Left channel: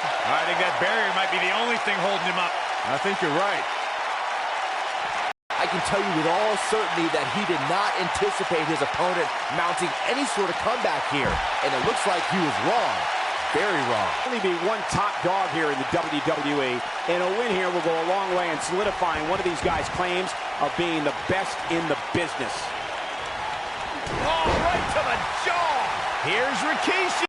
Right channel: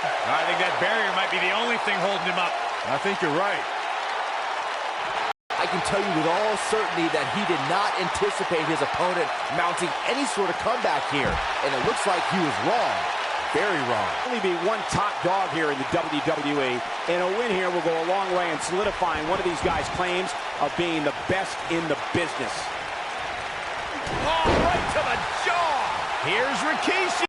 I think that barrier might be the only thing holding him up. I think you're right. I can tell you with all certainty that he did not anticipate his opponent mounting any sort of comeback here, and it looks like he was wrong. Very wrong. Only be one top dog here in the WWE, and a win here will go a long way in solidifying one of these guys' claims of being the best in the business. Oh, right to the jaw. Here's Rikishi.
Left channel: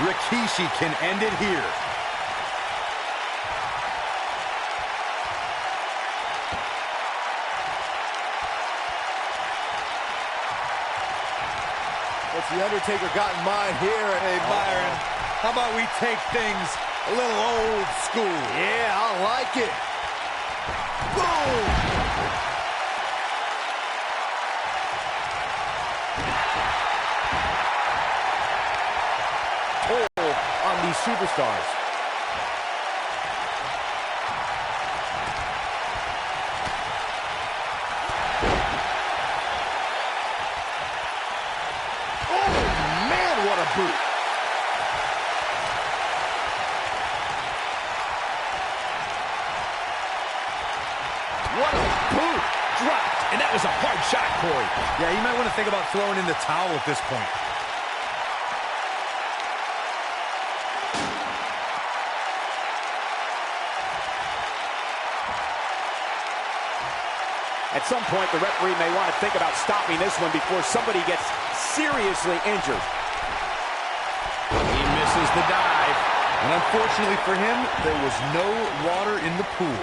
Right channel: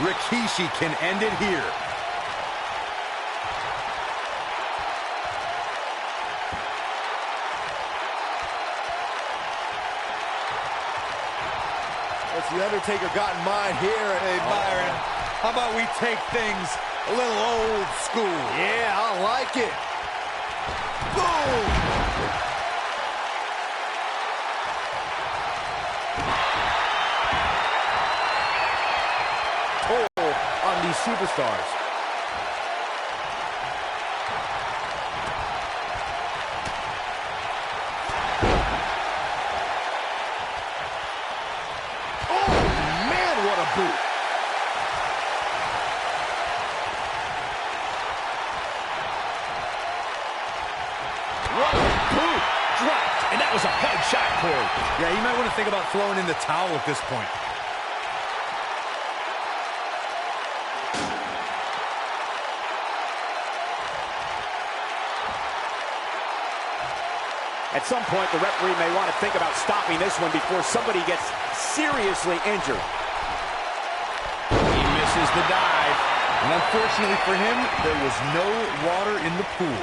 Rikishi can end it here. What's the Undertaker got in mind here? Hey, Byron, how about we take things a little old school? Yeah, I like it. Boom! On these superstars. Oh, man, what a boot. What a boot! Dropped, and that was a hard shot, Corey. Yeah, you might want to think about throwing in the towel at this point. At some point, the referee may want to think about stopping this one before somebody gets seriously injured. He misses the dive. And unfortunately for him, there was no water in the pool.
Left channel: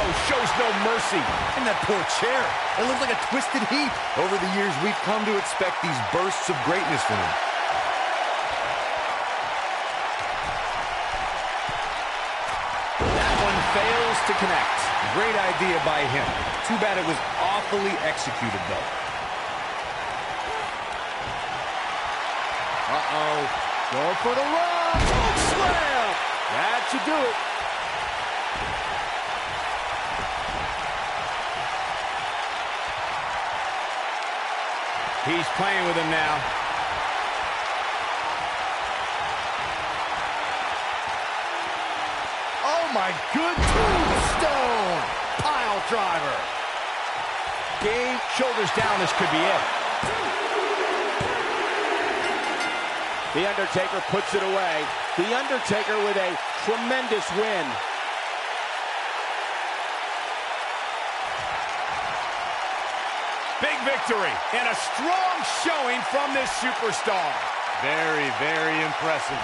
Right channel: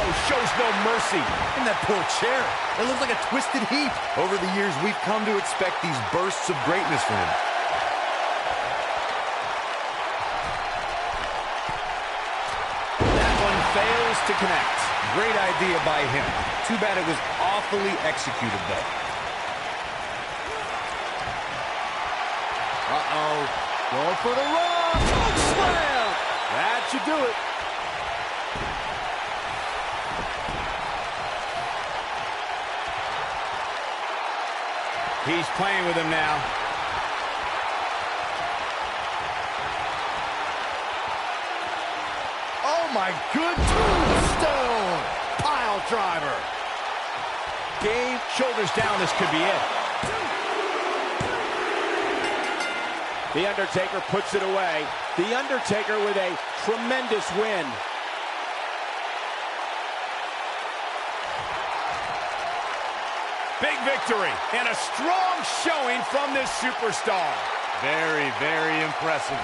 Oh, shows no mercy. And that poor chair. It looks like a twisted heap. Over the years, we've come to expect these bursts of greatness from him. Fails to connect. Great idea by him. Too bad it was awfully executed, though. Uh-oh. Going for the run. Choke slam. That should do it. He's playing with him now. Oh, my good tombstone. Pile driver. Game, shoulders down, this could be it. The Undertaker puts it away. The Undertaker with a tremendous win. Big victory and a strong showing from this superstar. Very, very impressive.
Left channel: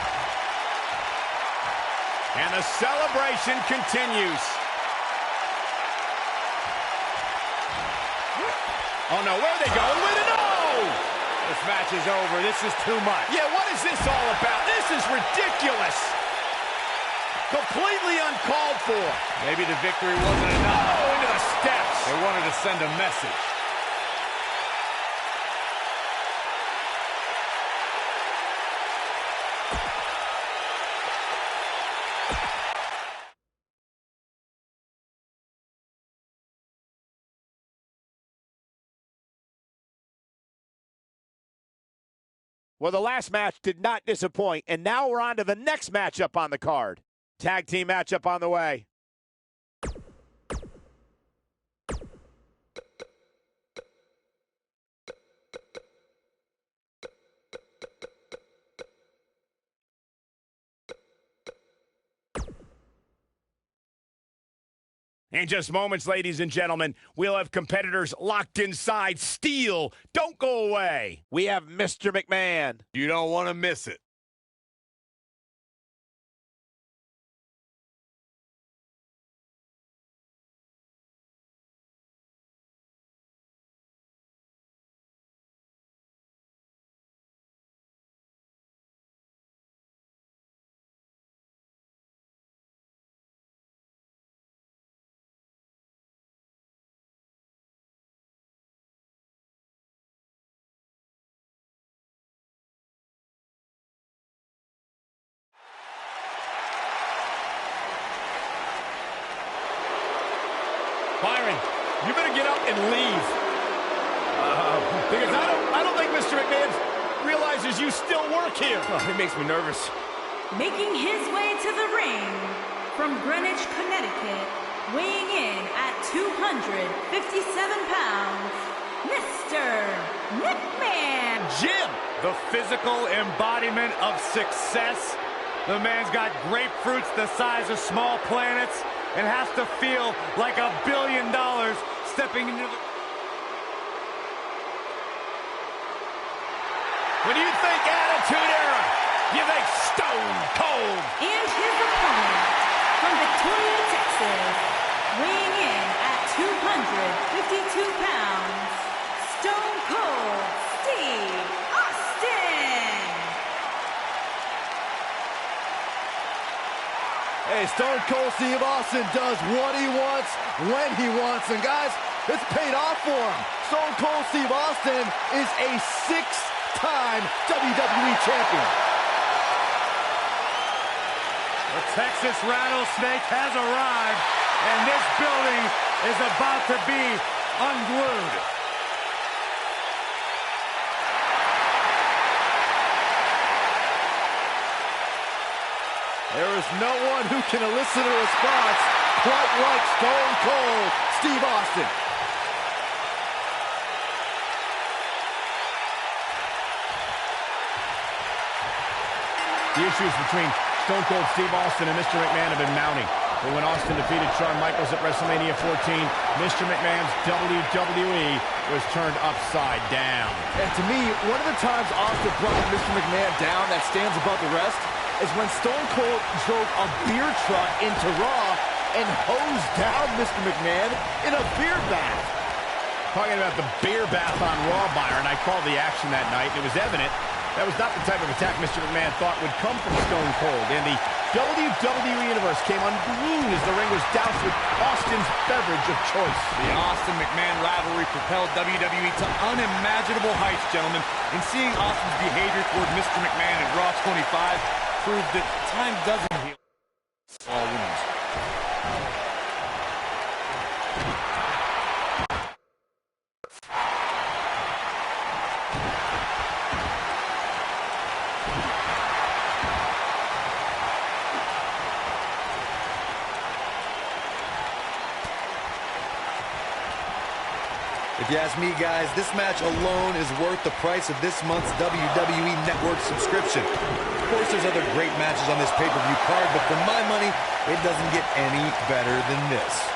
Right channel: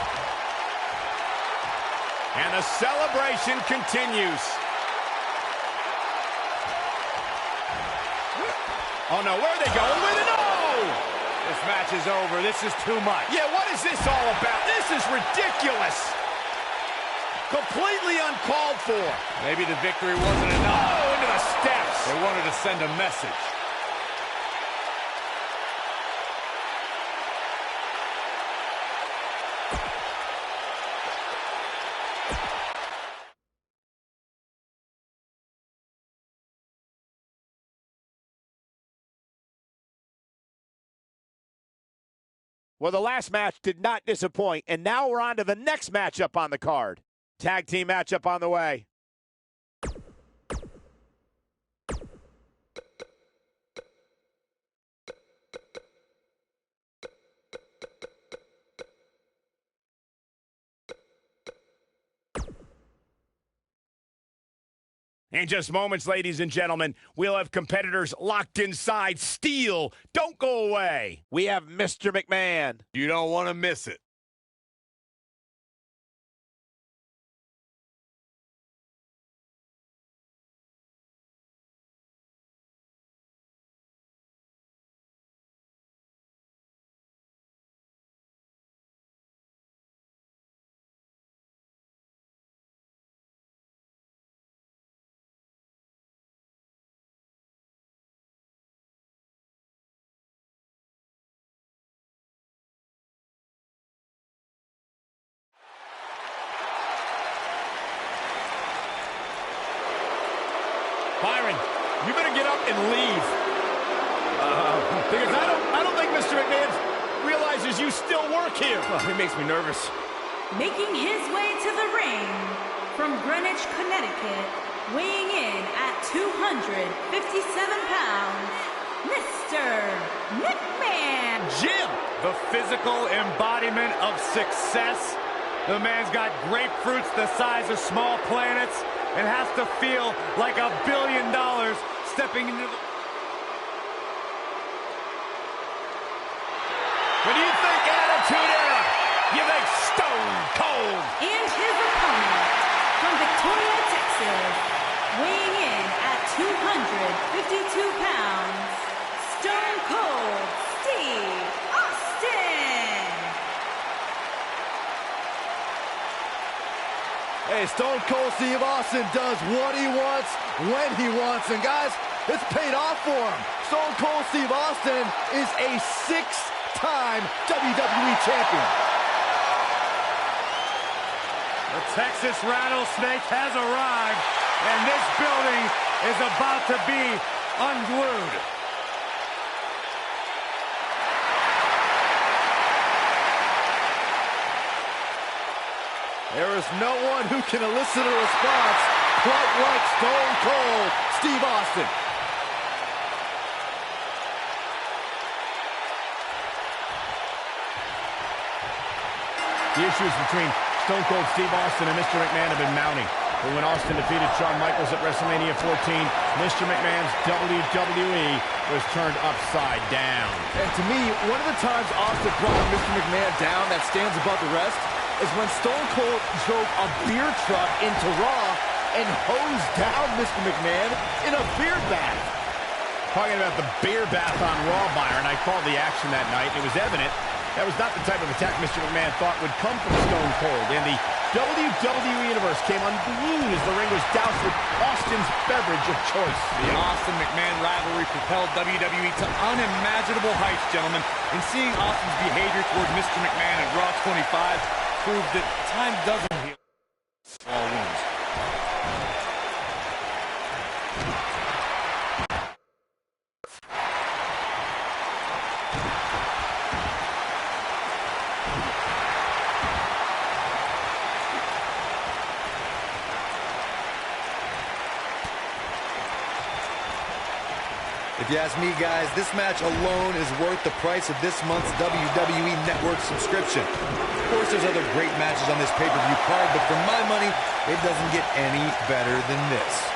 And the celebration continues. Oh no, where are they going with it? No! This match is over. This is too much. Yeah, what is this all about? This is ridiculous. Completely uncalled for. Maybe the victory wasn't enough. Oh, into the steps. They wanted to send a message. Well, the last match did not disappoint, and now we're on to the next matchup on the card. Tag team matchup on the way. In just moments, ladies and gentlemen, we'll have competitors locked inside steel. Don't go away. We have Mr. McMahon. You don't want to miss it. Byron, you better get up and leave. Because I don't think Mr. McMahon realizes you still work here. Oh, it makes me nervous. Making his way to the ring from Greenwich, Connecticut, weighing in at 257 pounds, Mr. McMahon. Jim, The physical embodiment of success. The man's got grapefruits the size of small planets and has to feel like $1 billion stepping into the... When you think Attitude Era, you think Stone Cold. And his opponent from Victoria, Texas, weighing in at 252 pounds, Stone Cold Steve Austin. Hey, Stone Cold Steve Austin does what he wants, when he wants, and guys, it's paid off for him. Stone Cold Steve Austin is a 6-time WWE champion. The Texas Rattlesnake has arrived, and this building is about to be unglued. There is no one who can elicit a response quite like Stone Cold Steve Austin. The issues between Stone Cold Steve Austin and Mr. McMahon have been mounting. But when Austin defeated Shawn Michaels at WrestleMania 14, Mr. McMahon's WWE was turned upside down. And to me, one of the times Austin brought Mr. McMahon down that stands above the rest is when Stone Cold drove a beer truck into Raw and hosed down Mr. McMahon in a beer bath. Talking about the beer bath on Raw, Byron, I called the action that night, and it was evident that was not the type of attack Mr. McMahon thought would come from Stone Cold. And the WWE Universe came unglued as the ring was doused with Austin's beverage of choice. The Austin-McMahon rivalry propelled WWE to unimaginable heights, gentlemen. And seeing Austin's behavior toward Mr. McMahon at Raw 25 proved that time doesn't heal all wounds. If you ask me, guys, this match alone is worth the price of this month's WWE Network subscription. Of course, there's other great matches on this pay-per-view card, but for my money, it doesn't get any better than this.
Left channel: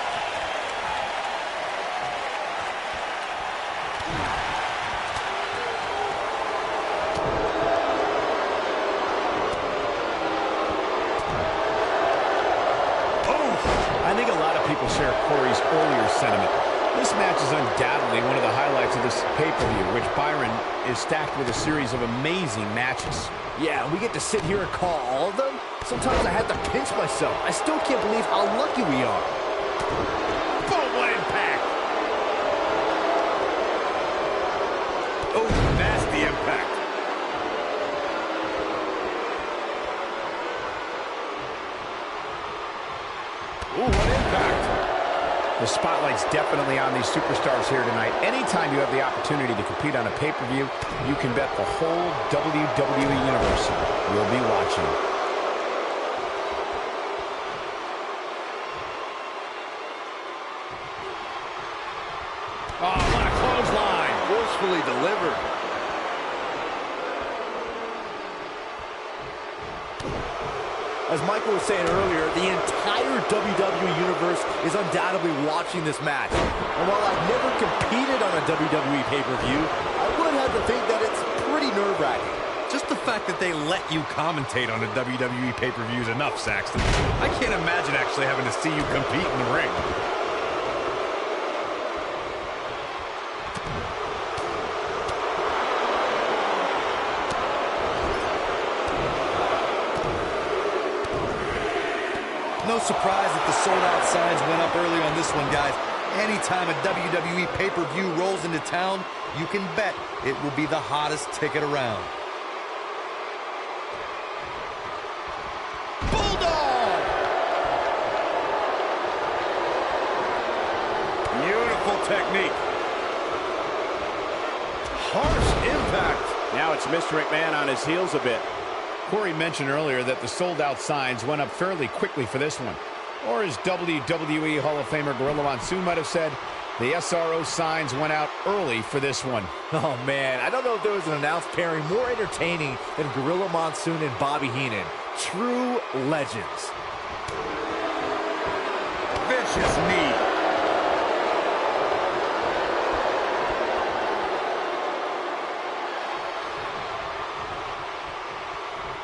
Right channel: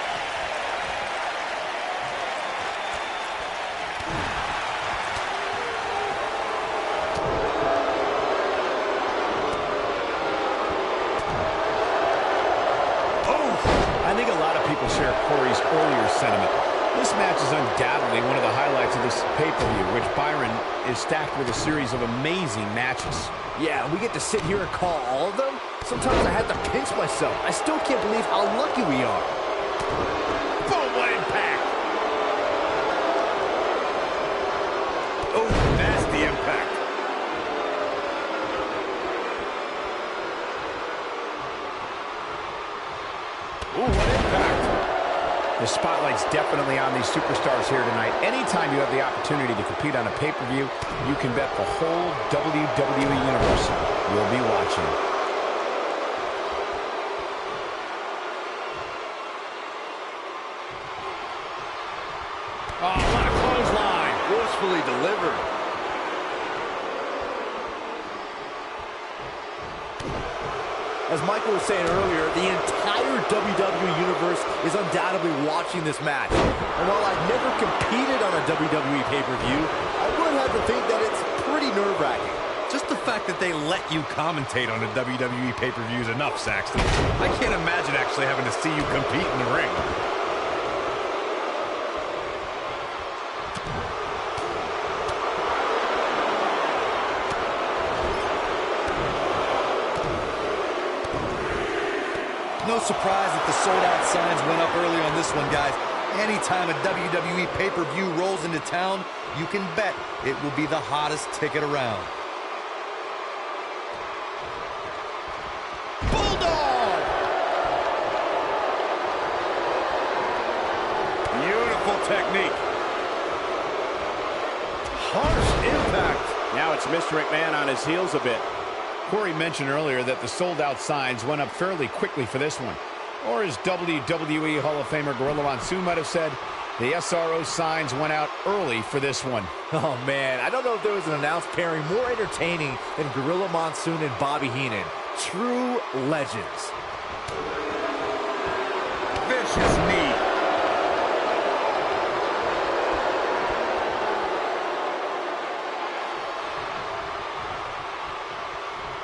I think a lot of people share Corey's earlier sentiment. This match is undoubtedly one of the highlights of this pay-per-view, which Byron is stacked with a series of amazing matches. Yeah, we get to sit here and call all of them? Sometimes I have to pinch myself. I still can't believe how lucky we are. Boom, what impact! Oh, nasty impact. Ooh, what impact! The spotlight's definitely on these superstars here tonight. Anytime you have the opportunity to compete on a pay-per-view, you can bet the whole WWE Universe will be watching. Oh, what a clothesline! Forcefully delivered. As Michael was saying earlier, the entire WWE Universe is undoubtedly watching this match. And while I've never competed on a WWE pay-per-view, I would have to think that it's pretty nerve-wracking. Just the fact that they let you commentate on a WWE pay-per-view is enough, Saxton. I can't imagine actually having to see you compete in the ring. No surprise that the sold-out signs went up early on this one, guys. Anytime a WWE pay-per-view rolls into town, you can bet it will be the hottest ticket around. Bulldog! Beautiful technique. Harsh impact. Now it's Mr. McMahon on his heels a bit. Corey mentioned earlier that the sold-out signs went up fairly quickly for this one. Or as WWE Hall of Famer Gorilla Monsoon might have said, the SRO signs went out early for this one. Oh, man, I don't know if there was an announced pairing more entertaining than Gorilla Monsoon and Bobby Heenan. True legends. Vicious knee.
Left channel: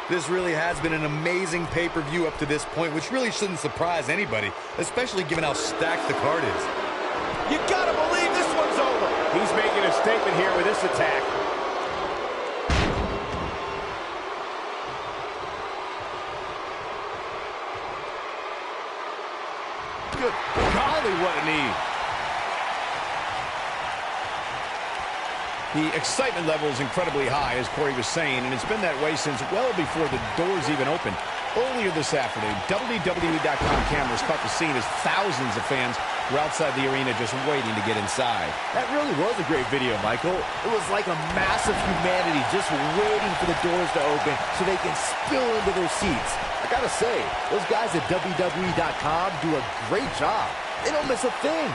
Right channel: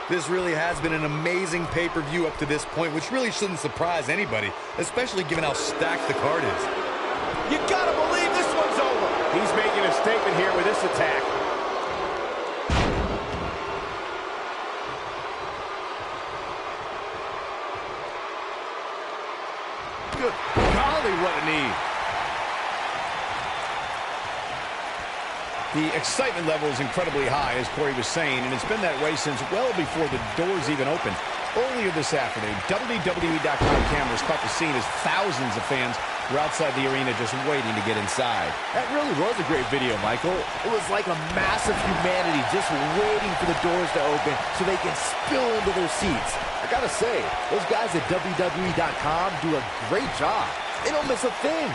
This really has been an amazing pay-per-view up to this point, which really shouldn't surprise anybody, especially given how stacked the card is. You gotta believe this one's over. He's making a statement here with this attack. Good golly, what a knee. The excitement level is incredibly high, as Corey was saying, and it's been that way since well before the doors even opened. Earlier this afternoon, WWE.com cameras caught the scene as thousands of fans were outside the arena just waiting to get inside. That really was a great video, Michael. It was like a mass of humanity just waiting for the doors to open so they can spill into their seats. I gotta say, those guys at WWE.com do a great job. They don't miss a thing.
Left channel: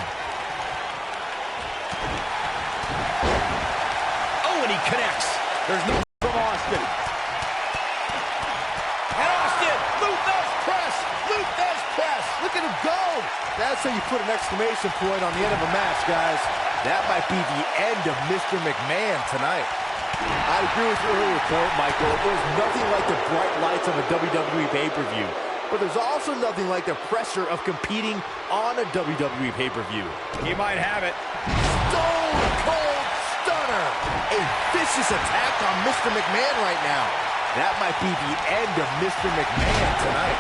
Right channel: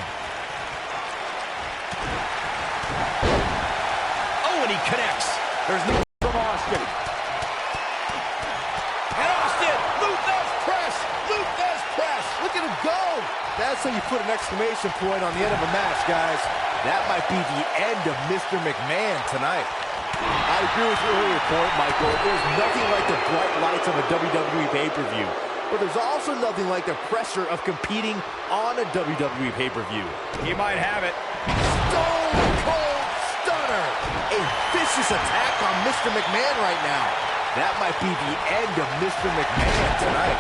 And he connects. There's no from Austin. And Austin, Luthez press, Luthez press. Look at him go. That's how you put an exclamation point on the end of a match, guys. That might be the end of Mr. McMahon tonight. I agree with your earlier point, Michael. There's nothing like the bright lights of a WWE pay-per-view. But there's also nothing like the pressure of competing on a WWE pay-per-view. He might have it. Stone Cold Stunner. A vicious attack on Mr. McMahon right now. That might be the end of Mr. McMahon tonight.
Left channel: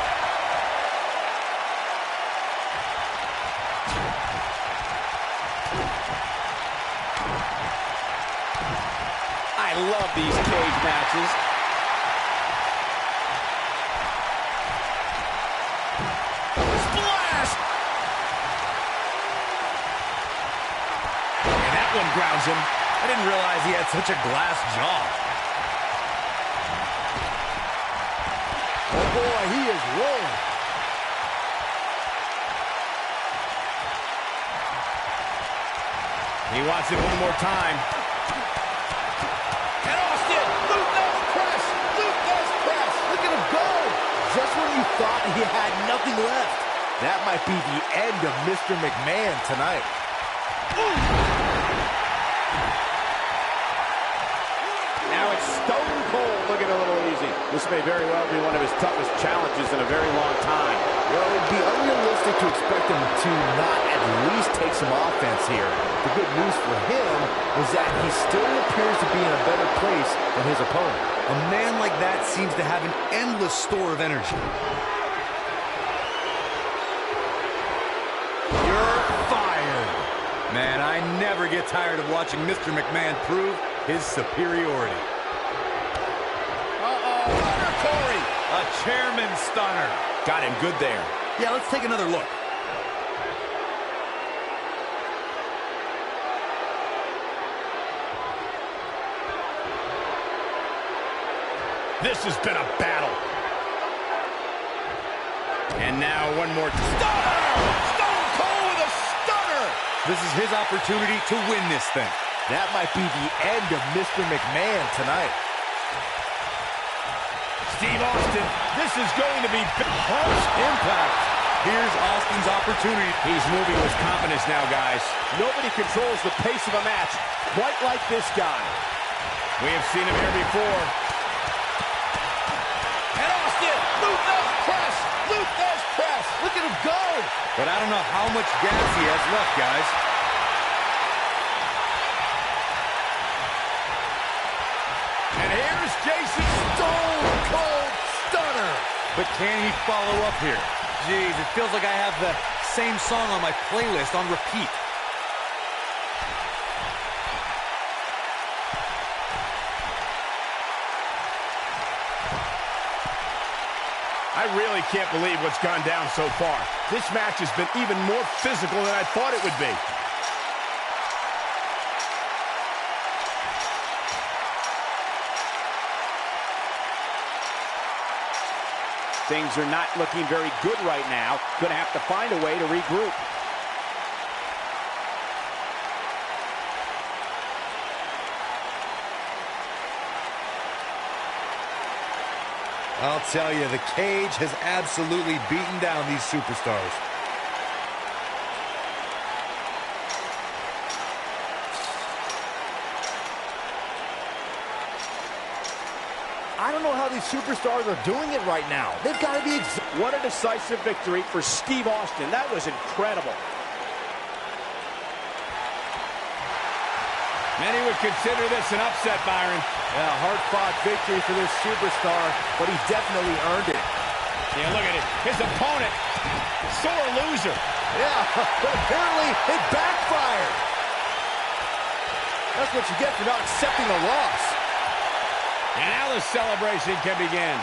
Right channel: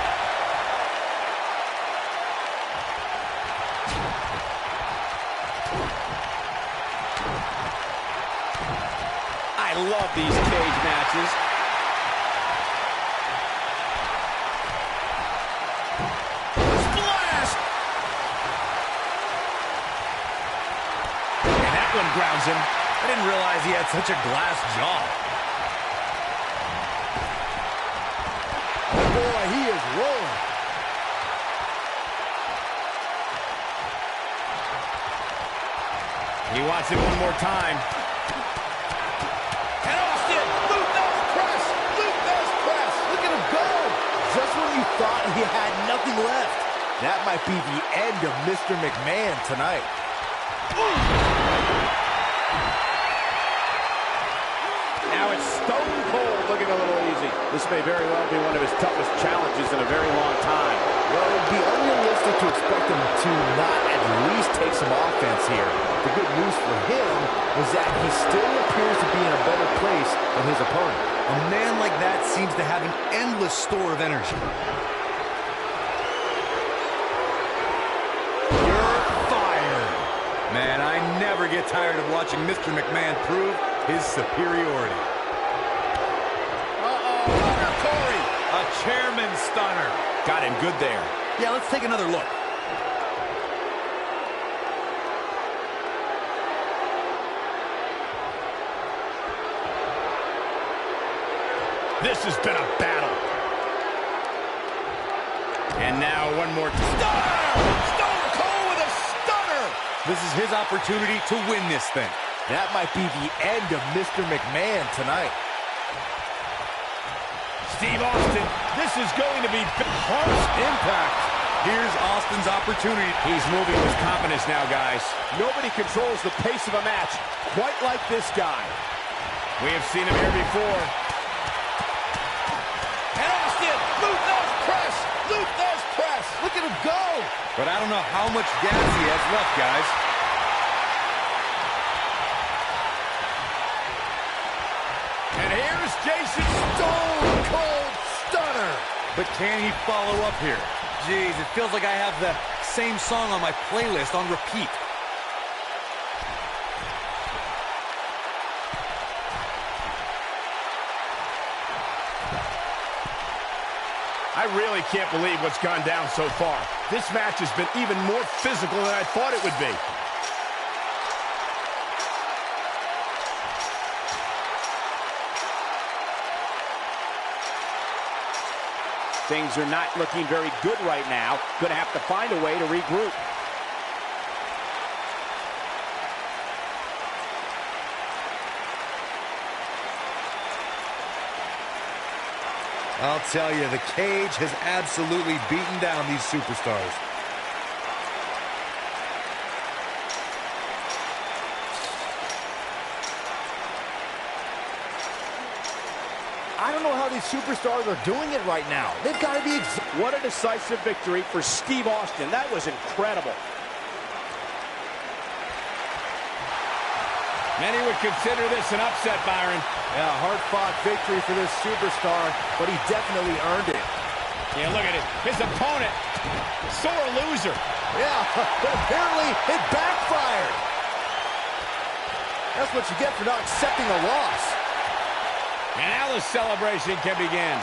I love these cage matches. Splash! And that one grounds him. I didn't realize he had such a glass jaw. Oh boy, he is rolling. He wants it one more time. And Austin, Luthez press, Luthez press. Look at him go. Just when you thought he had nothing left. That might be the end of Mr. McMahon tonight. Now it's Stone Cold looking a little easy. This may very well be one of his toughest challenges in a very long time. Well, it would be unrealistic to expect him to not at least take some offense here. The good news for him is that he still appears to be in a better place than his opponent. A man like that seems to have an endless store of energy. You're fired. Man, I never get tired of watching Mr. McMahon prove his superiority. Stunner, Corey. A chairman stunner. Got him good there. Yeah, let's take another look. This has been a battle. And now one more stunner! Stone Cold with a stunner! This is his opportunity to win this thing. That might be the end of Mr. McMahon tonight. Steve Austin, this is going to be harsh impact. here's Austin's opportunity. He's moving with confidence now, guys. Nobody controls the pace of a match quite like this guy. We have seen him here before. And Austin, Luther's press, Luther's press. Look at him go. But I don't know how much gas he has left, guys. And here's Jason Stone Cold Stunner. But can he follow up here? Jeez, it feels like I have the same song on my playlist on repeat. I really can't believe what's gone down so far. This match has been even more physical than I thought it would be. Things are not looking very good right now. Going to have to find a way to regroup. I'll tell you, the cage has absolutely beaten down these superstars. I don't know how these superstars are doing it right now. They've got to be What a decisive victory for Steve Austin. That was incredible. Many would consider this an upset, Byron. Yeah, hard-fought victory for this superstar, but he definitely earned it. Yeah, look at it. His opponent, sore loser. Yeah, but apparently it backfired. That's what you get for not accepting a loss. And now the celebration can begin.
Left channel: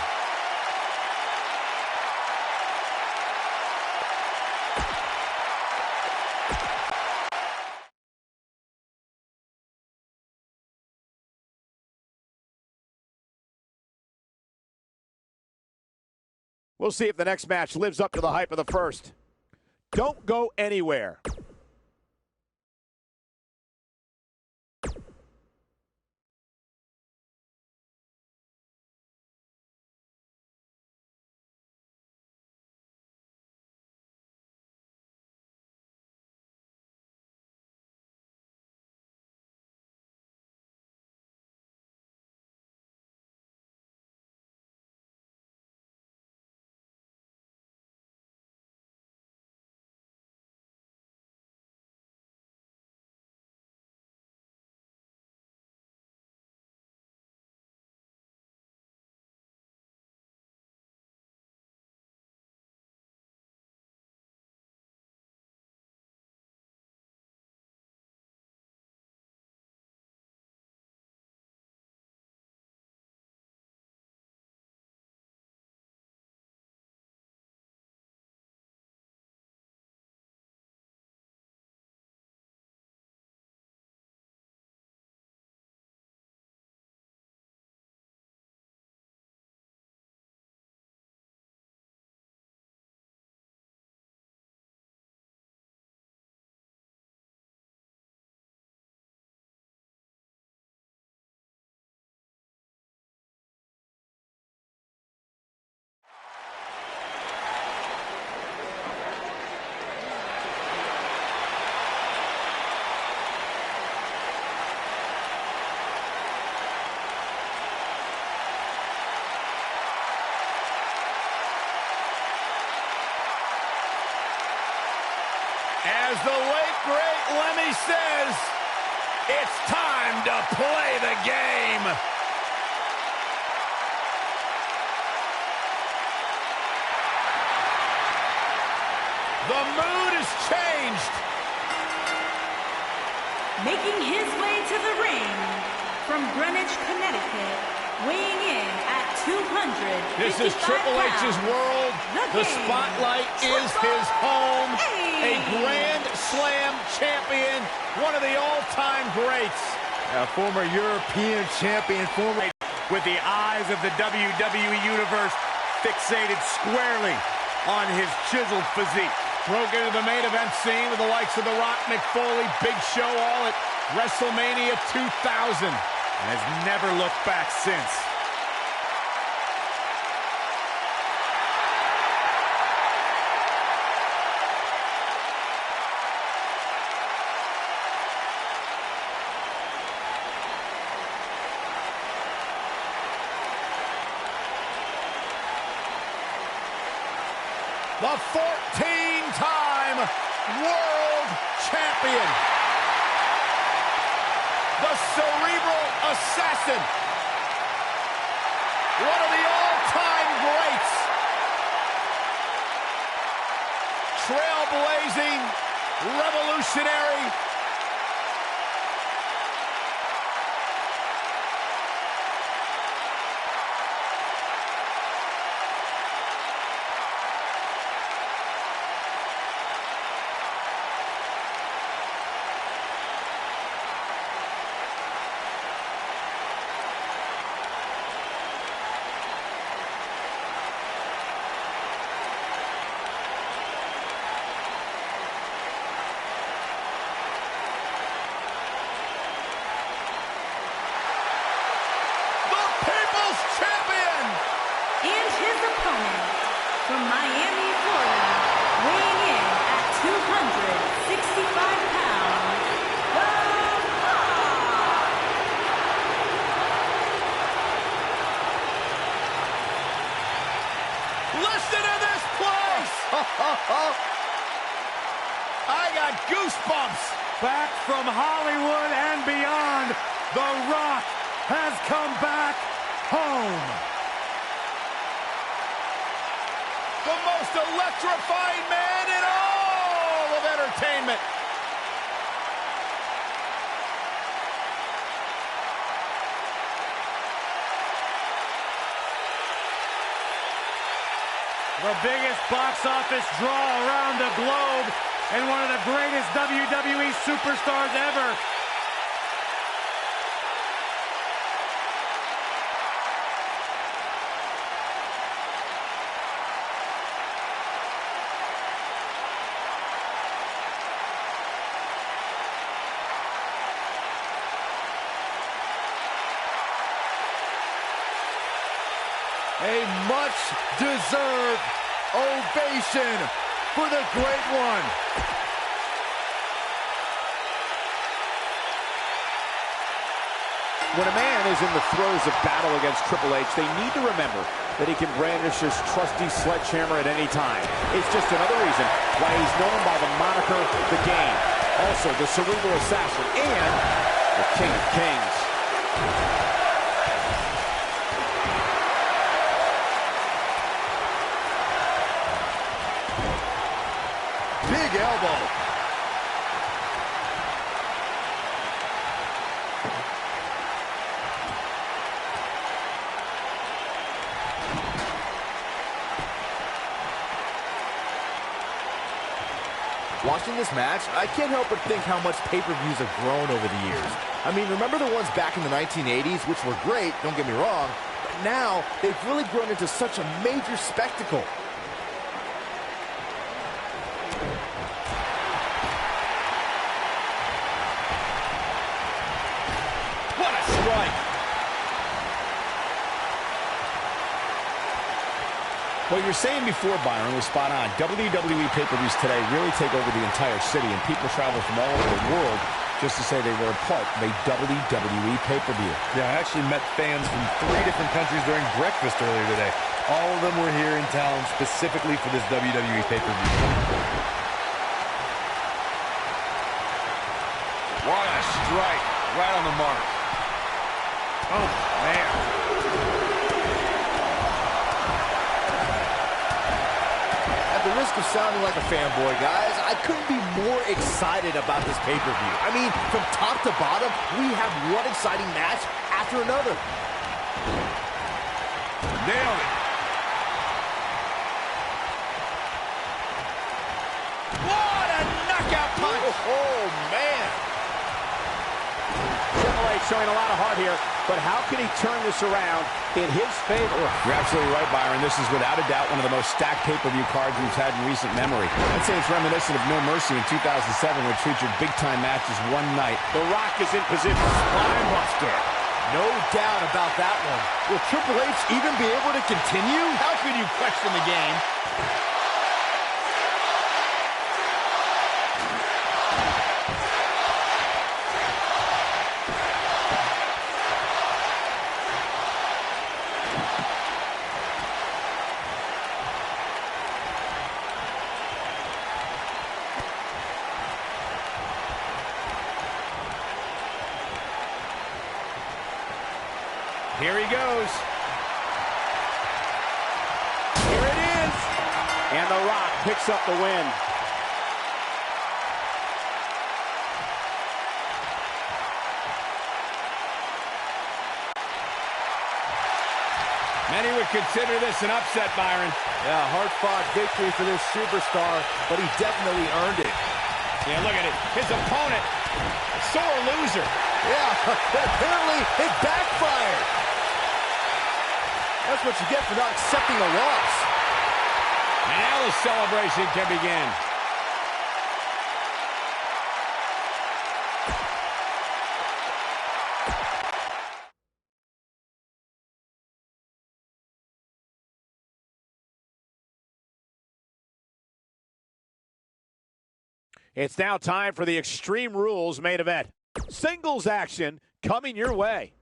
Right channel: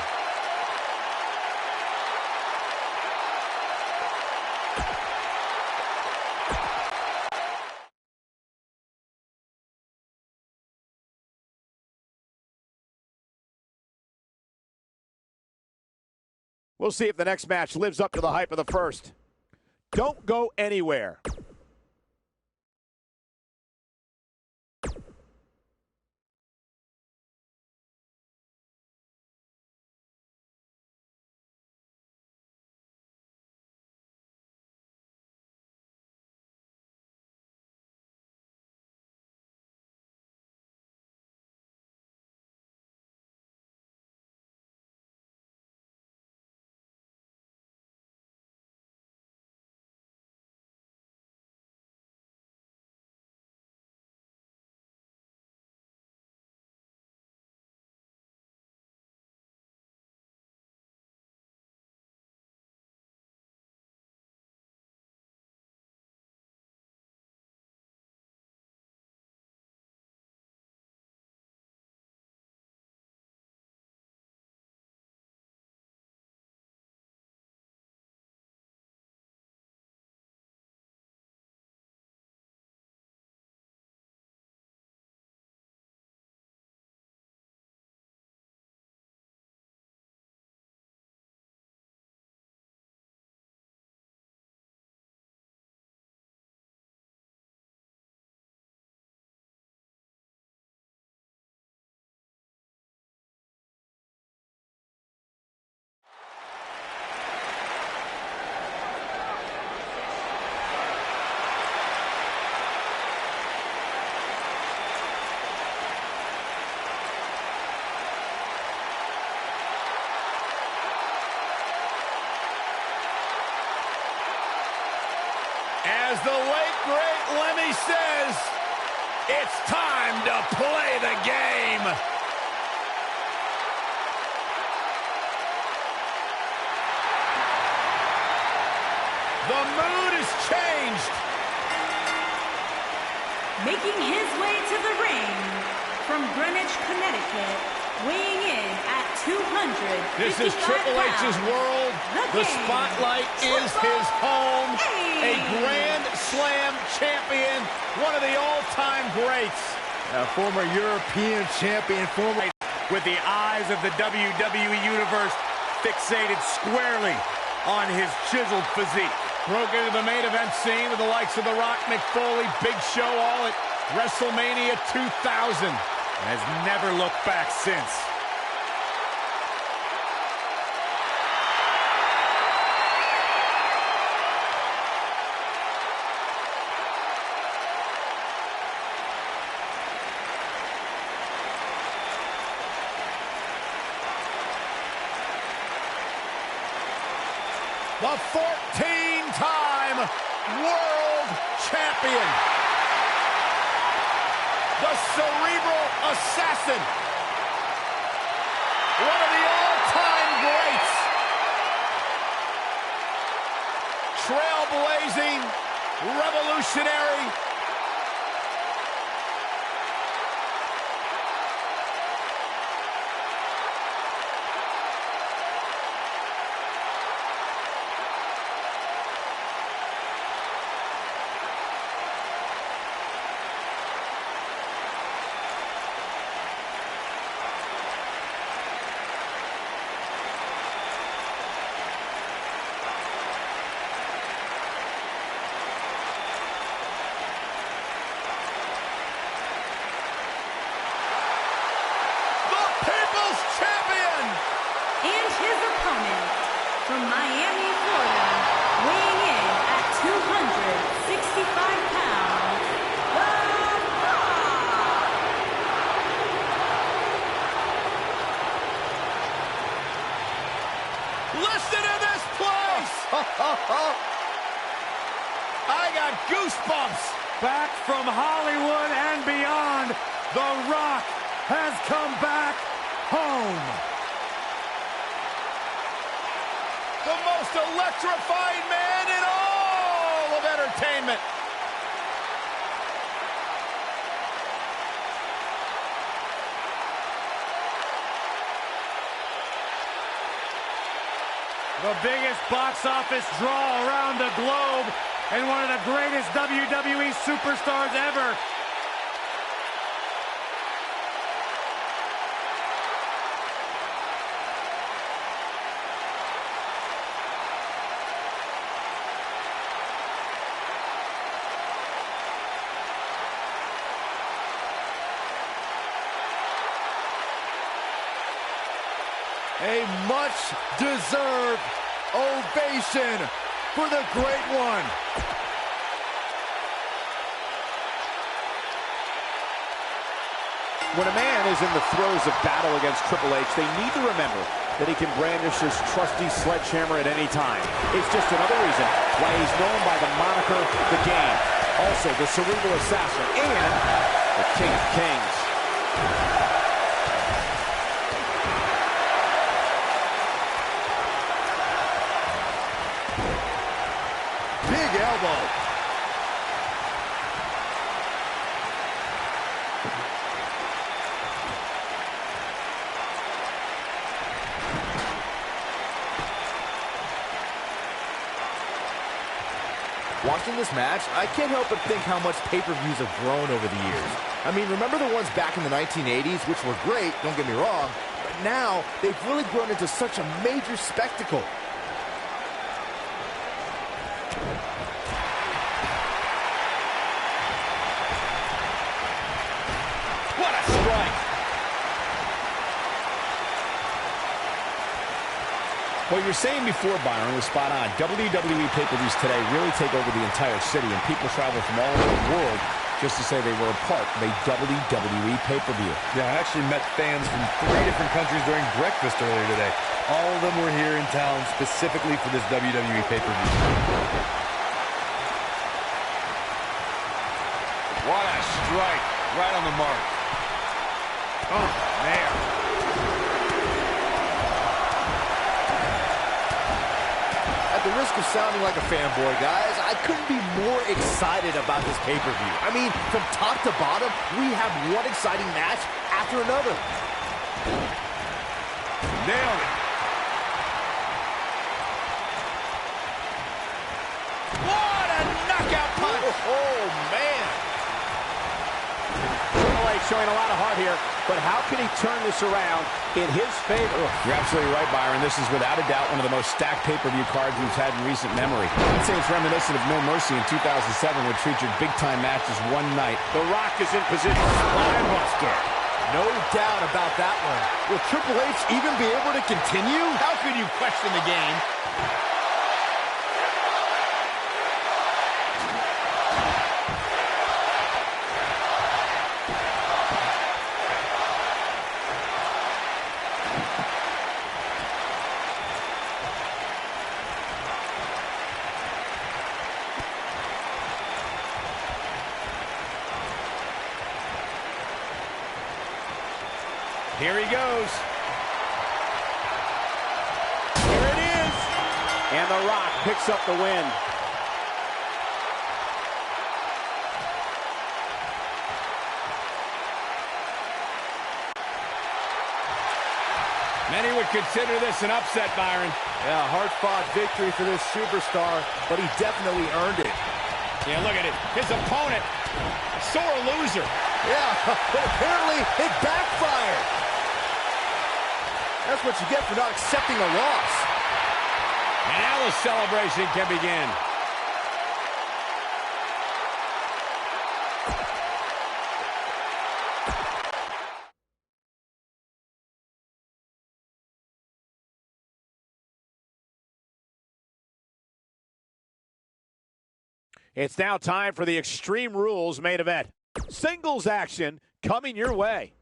We'll see if the next match lives up to the hype of the first. Don't go anywhere. As the late, great Lemmy says, it's time to play the game. The mood has changed. Making his way to the ring from Greenwich, Connecticut, weighing in at 255 This is Triple H's world. The spotlight is his home. A Grand Slam champion, one of the all-time greats. A former European champion, With the eyes of the WWE Universe fixated squarely on his chiseled physique. Broke into the main event scene with the likes of The Rock, Mick Foley, Big Show, all at WrestleMania 2000. And has never looked back since. the 14-time world champion, the Cerebral Assassin, one of the all-time greats, trailblazing, revolutionary, champion! And his opponent, from Miami, Florida, weighing in at 265 pounds, The Rock! Listen to this place! I got goosebumps! Back from Hollywood and beyond, The Rock has come back home. The most electrifying man in all of entertainment. The biggest box office draw around the globe and one of the greatest WWE superstars ever. A much-deserved ovation for the Great One. When a man is in the throes of battle against Triple H, they need to remember that he can brandish his trusty sledgehammer at any time. It's just another reason why he's known by the moniker The Game, also the Cerebral Assassin, and the King of Kings. Big elbow. Watching this match, I can't help but think how much pay-per-views have grown over the years. I mean, remember the ones back in the 1980s, which were great, don't get me wrong, but now they've really grown into such a major spectacle. What a strike! What you were saying before, Byron, was spot on. WWE pay-per-views today really take over the entire city, and people travel from all over the world just to say they were a part of a WWE pay-per-view. Yeah, I actually met fans from 3 different countries during breakfast earlier today. All of them were here in town specifically for this WWE pay-per-view. What a strike. Right on the mark. Oh, man. At the risk of sounding like a fanboy, guys, I couldn't be more excited about this pay-per-view. I mean, from top to bottom, we have one exciting match after another. Nailed it. What a knockout punch. Oh, man. Triple H showing a lot of heart here, but how can he turn this around in his favor? You're absolutely right, Byron. This is without a doubt one of the most stacked pay-per-view cards we've had in recent memory. I'd say it's reminiscent of No Mercy in 2007, which featured big-time matches one night. The Rock is in position. Spinebuster. No doubt about that one. Will Triple H even be able to continue? How could you question the game? Here he goes. Here it is. And The Rock picks up the win. Many would consider this an upset, Byron. Yeah, hard-fought victory for this superstar, but he definitely earned it. Yeah, look at it. His opponent, sore loser. Yeah, but apparently it backfired. That's what you get for not accepting a loss. And now the celebration can begin. It's now time for the Extreme Rules main event. Singles action coming your way.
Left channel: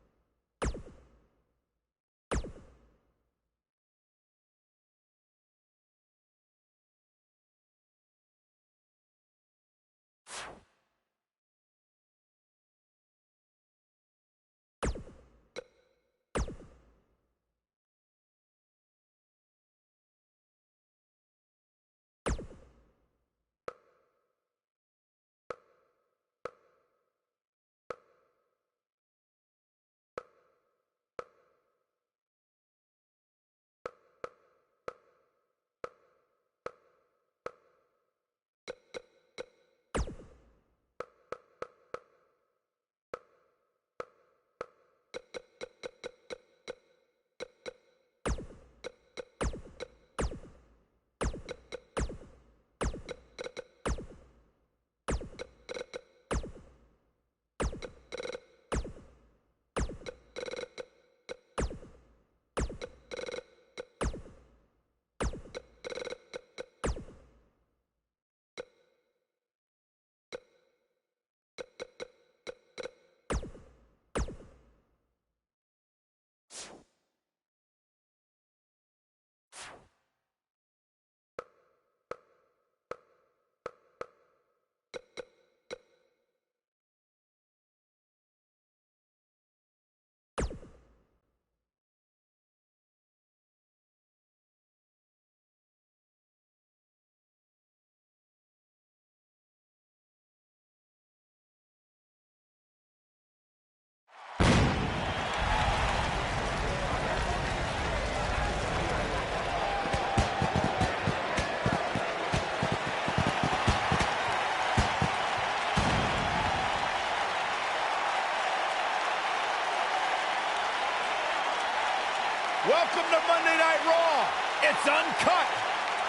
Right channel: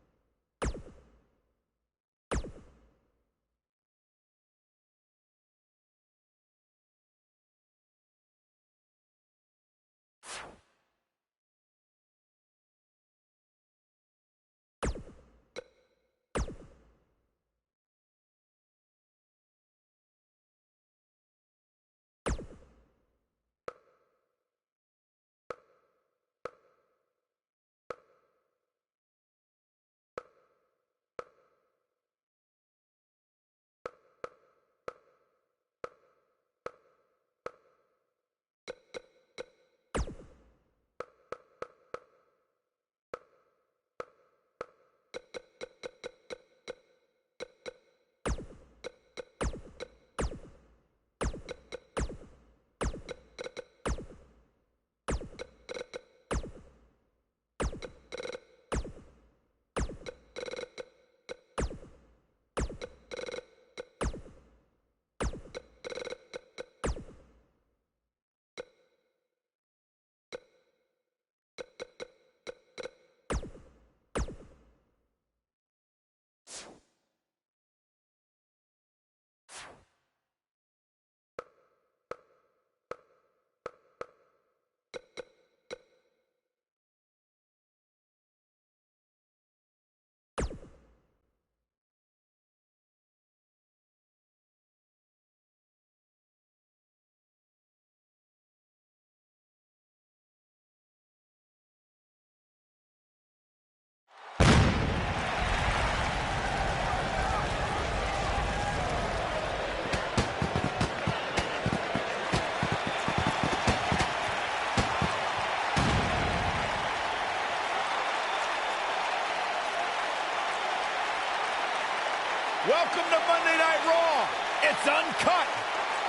Welcome to Monday Night Raw. It's uncut,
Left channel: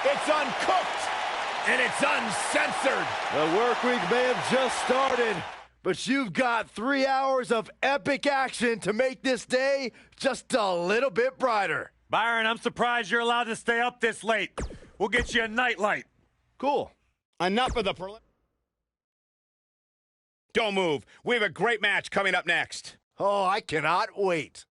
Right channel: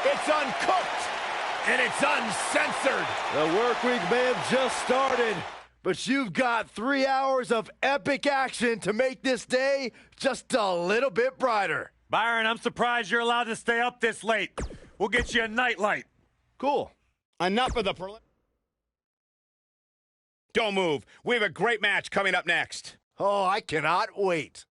it's uncooked, and it's uncensored. The work week may have just started, but you've got 3 hours of epic action to make this day just a little bit brighter. Byron, I'm surprised you're allowed to stay up this late. We'll get you a nightlight. Cool. Enough of the Don't move. We have a great match coming up next. Oh, I cannot wait.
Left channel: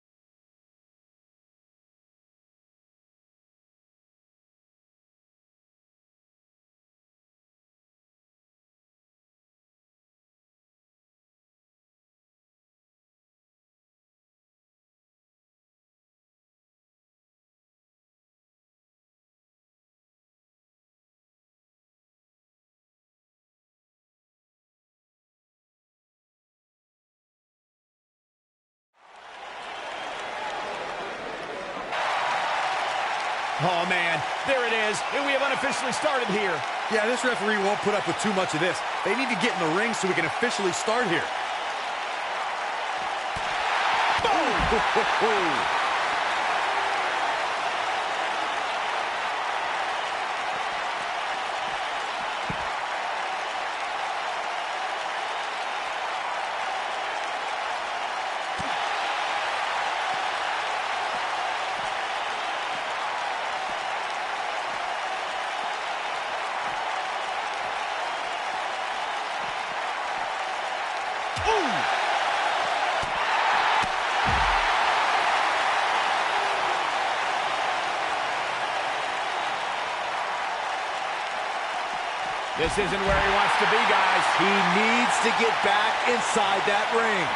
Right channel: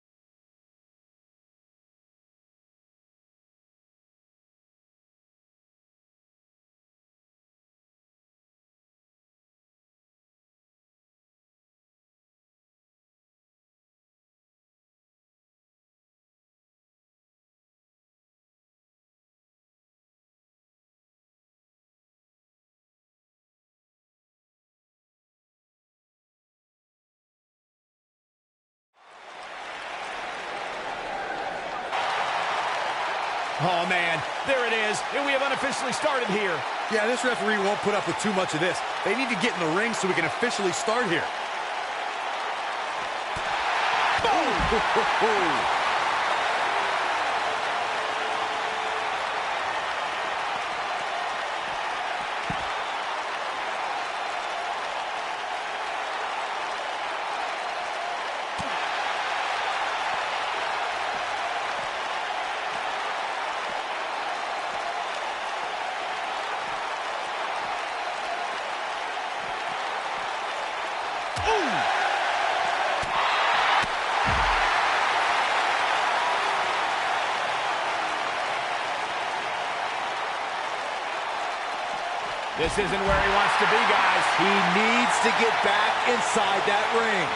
Oh, man, there it is, and we have unofficially started here. Yeah, this referee won't put up with too much of this. They need to get in the ring so we can officially start here. Boom! This isn't where he wants to be, guys. He needs to get back inside that ring.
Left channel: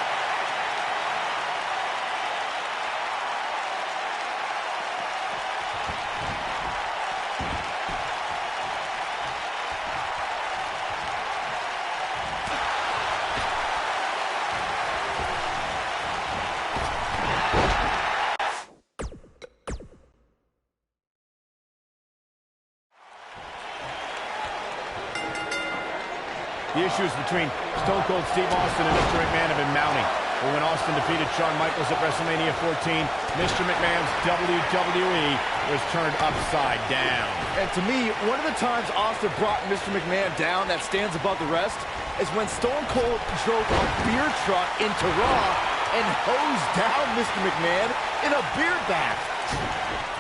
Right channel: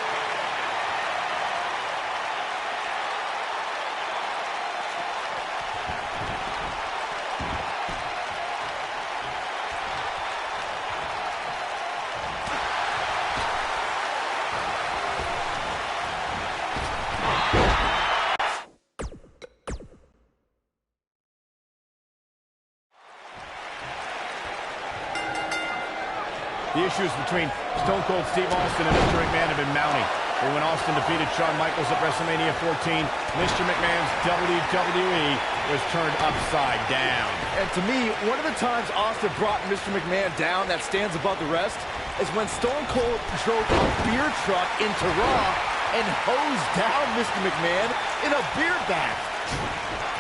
The issues between Stone Cold Steve Austin and Mr. McMahon have been mounting. But when Austin defeated Shawn Michaels at WrestleMania 14, Mr. McMahon's WWE was turned upside down. And to me, one of the times Austin brought Mr. McMahon down that stands above the rest is when Stone Cold drove a beer truck into Raw and hosed down Mr. McMahon in a beer bath.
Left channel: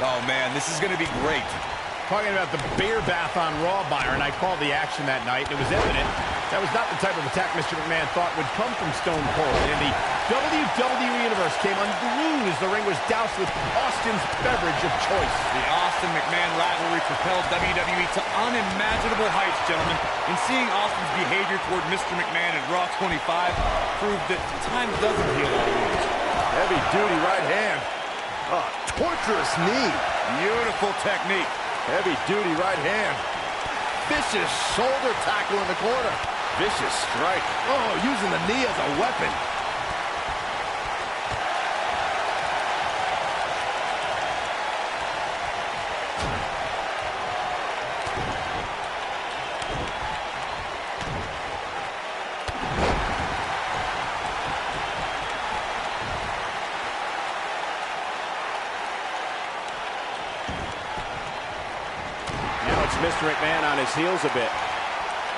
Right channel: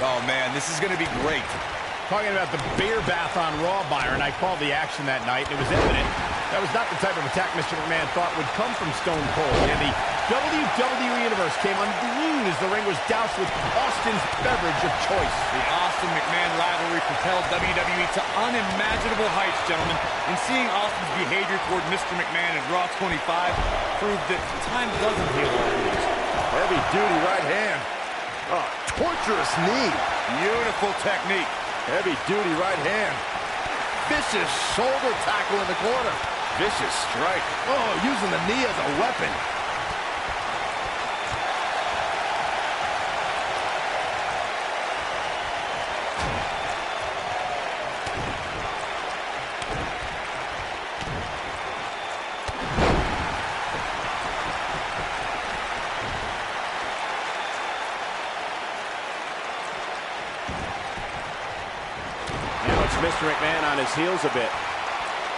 Oh, man, this is going to be great. Talking about the beer bath on Raw, Byron, I called the action that night, and it was evident that was not the type of attack Mr. McMahon thought would come from Stone Cold. And the WWE Universe came unglued as the ring was doused with Austin's beverage of choice. The Austin-McMahon rivalry propelled WWE to unimaginable heights, gentlemen. And seeing Austin's behavior toward Mr. McMahon at Raw 25 proved that time doesn't heal all wounds. Heavy-duty right hand. Torturous knee. Beautiful technique. Heavy-duty right hand. Vicious shoulder tackle in the corner. Vicious strike. Oh, using the knee as a weapon. Mr. McMahon on his heels a bit.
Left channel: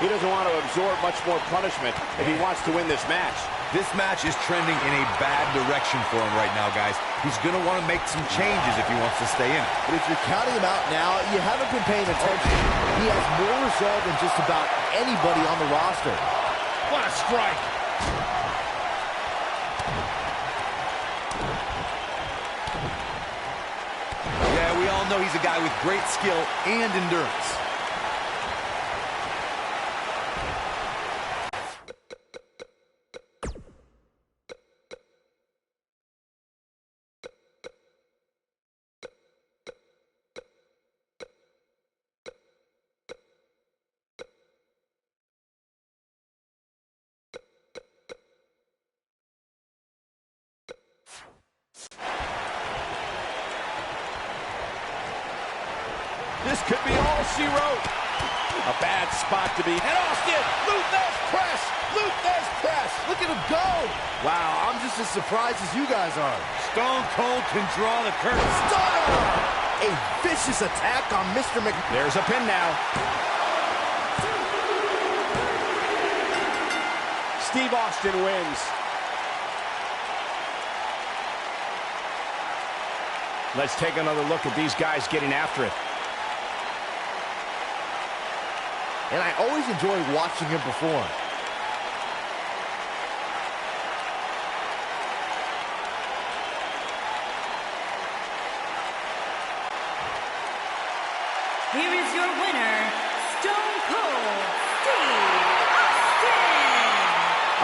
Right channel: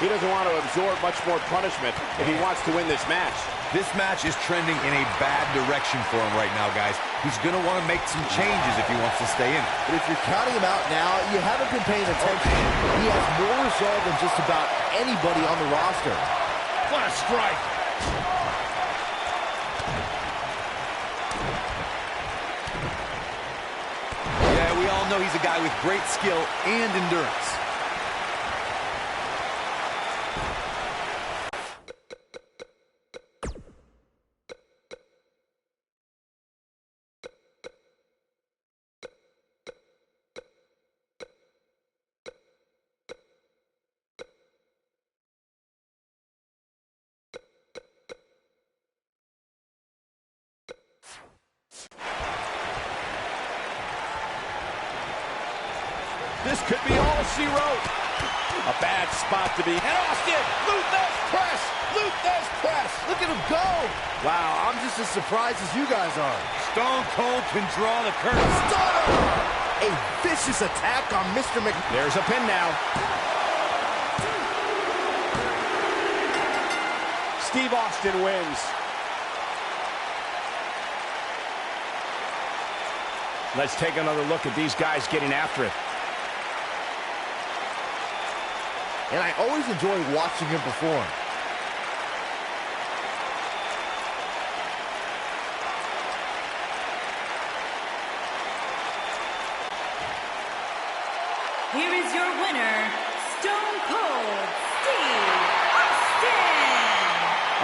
He doesn't want to absorb much more punishment if he wants to win this match. This match is trending in a bad direction for him right now, guys. He's going to want to make some changes if he wants to stay in it. But if you're counting him out now, you haven't been paying attention. He has more resolve than just about anybody on the roster. What a strike! Yeah, we all know he's a guy with great skill and endurance. This could be all she wrote. A bad spot to be. And Austin, Luthez press, Luthez press. Look at him go. Wow, I'm just as surprised as you guys are. Stone Cold can draw the curtain. Stunner! A vicious attack on Mr. McMahon. There's a pin now. Steve Austin wins. Let's take another look at these guys getting after it. And I always enjoy watching him perform. Here is your winner, Stone Cold Steve Austin.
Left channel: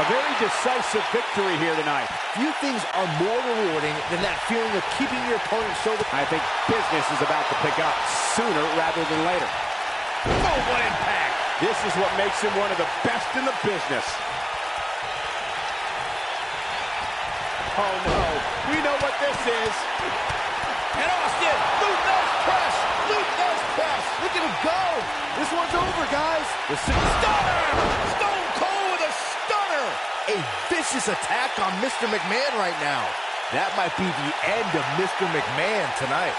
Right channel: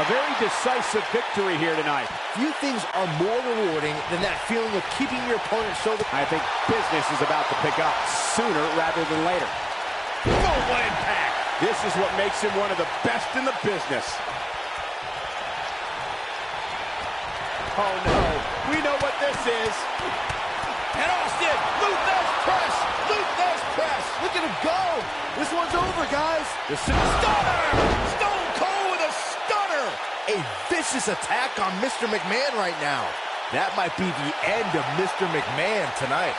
A very decisive victory here tonight. Few things are more rewarding than that feeling of keeping your opponent's shoulder. I think business is about to pick up sooner rather than later. Oh, what impact! This is what makes him one of the best in the business. Oh no, we know what this is. And Austin, Luthez press, Luthez press. Look at him go. This one's over, guys. The stunner! Stone Cold with a stunner! A vicious attack on Mr. McMahon right now. That might be the end of Mr. McMahon tonight.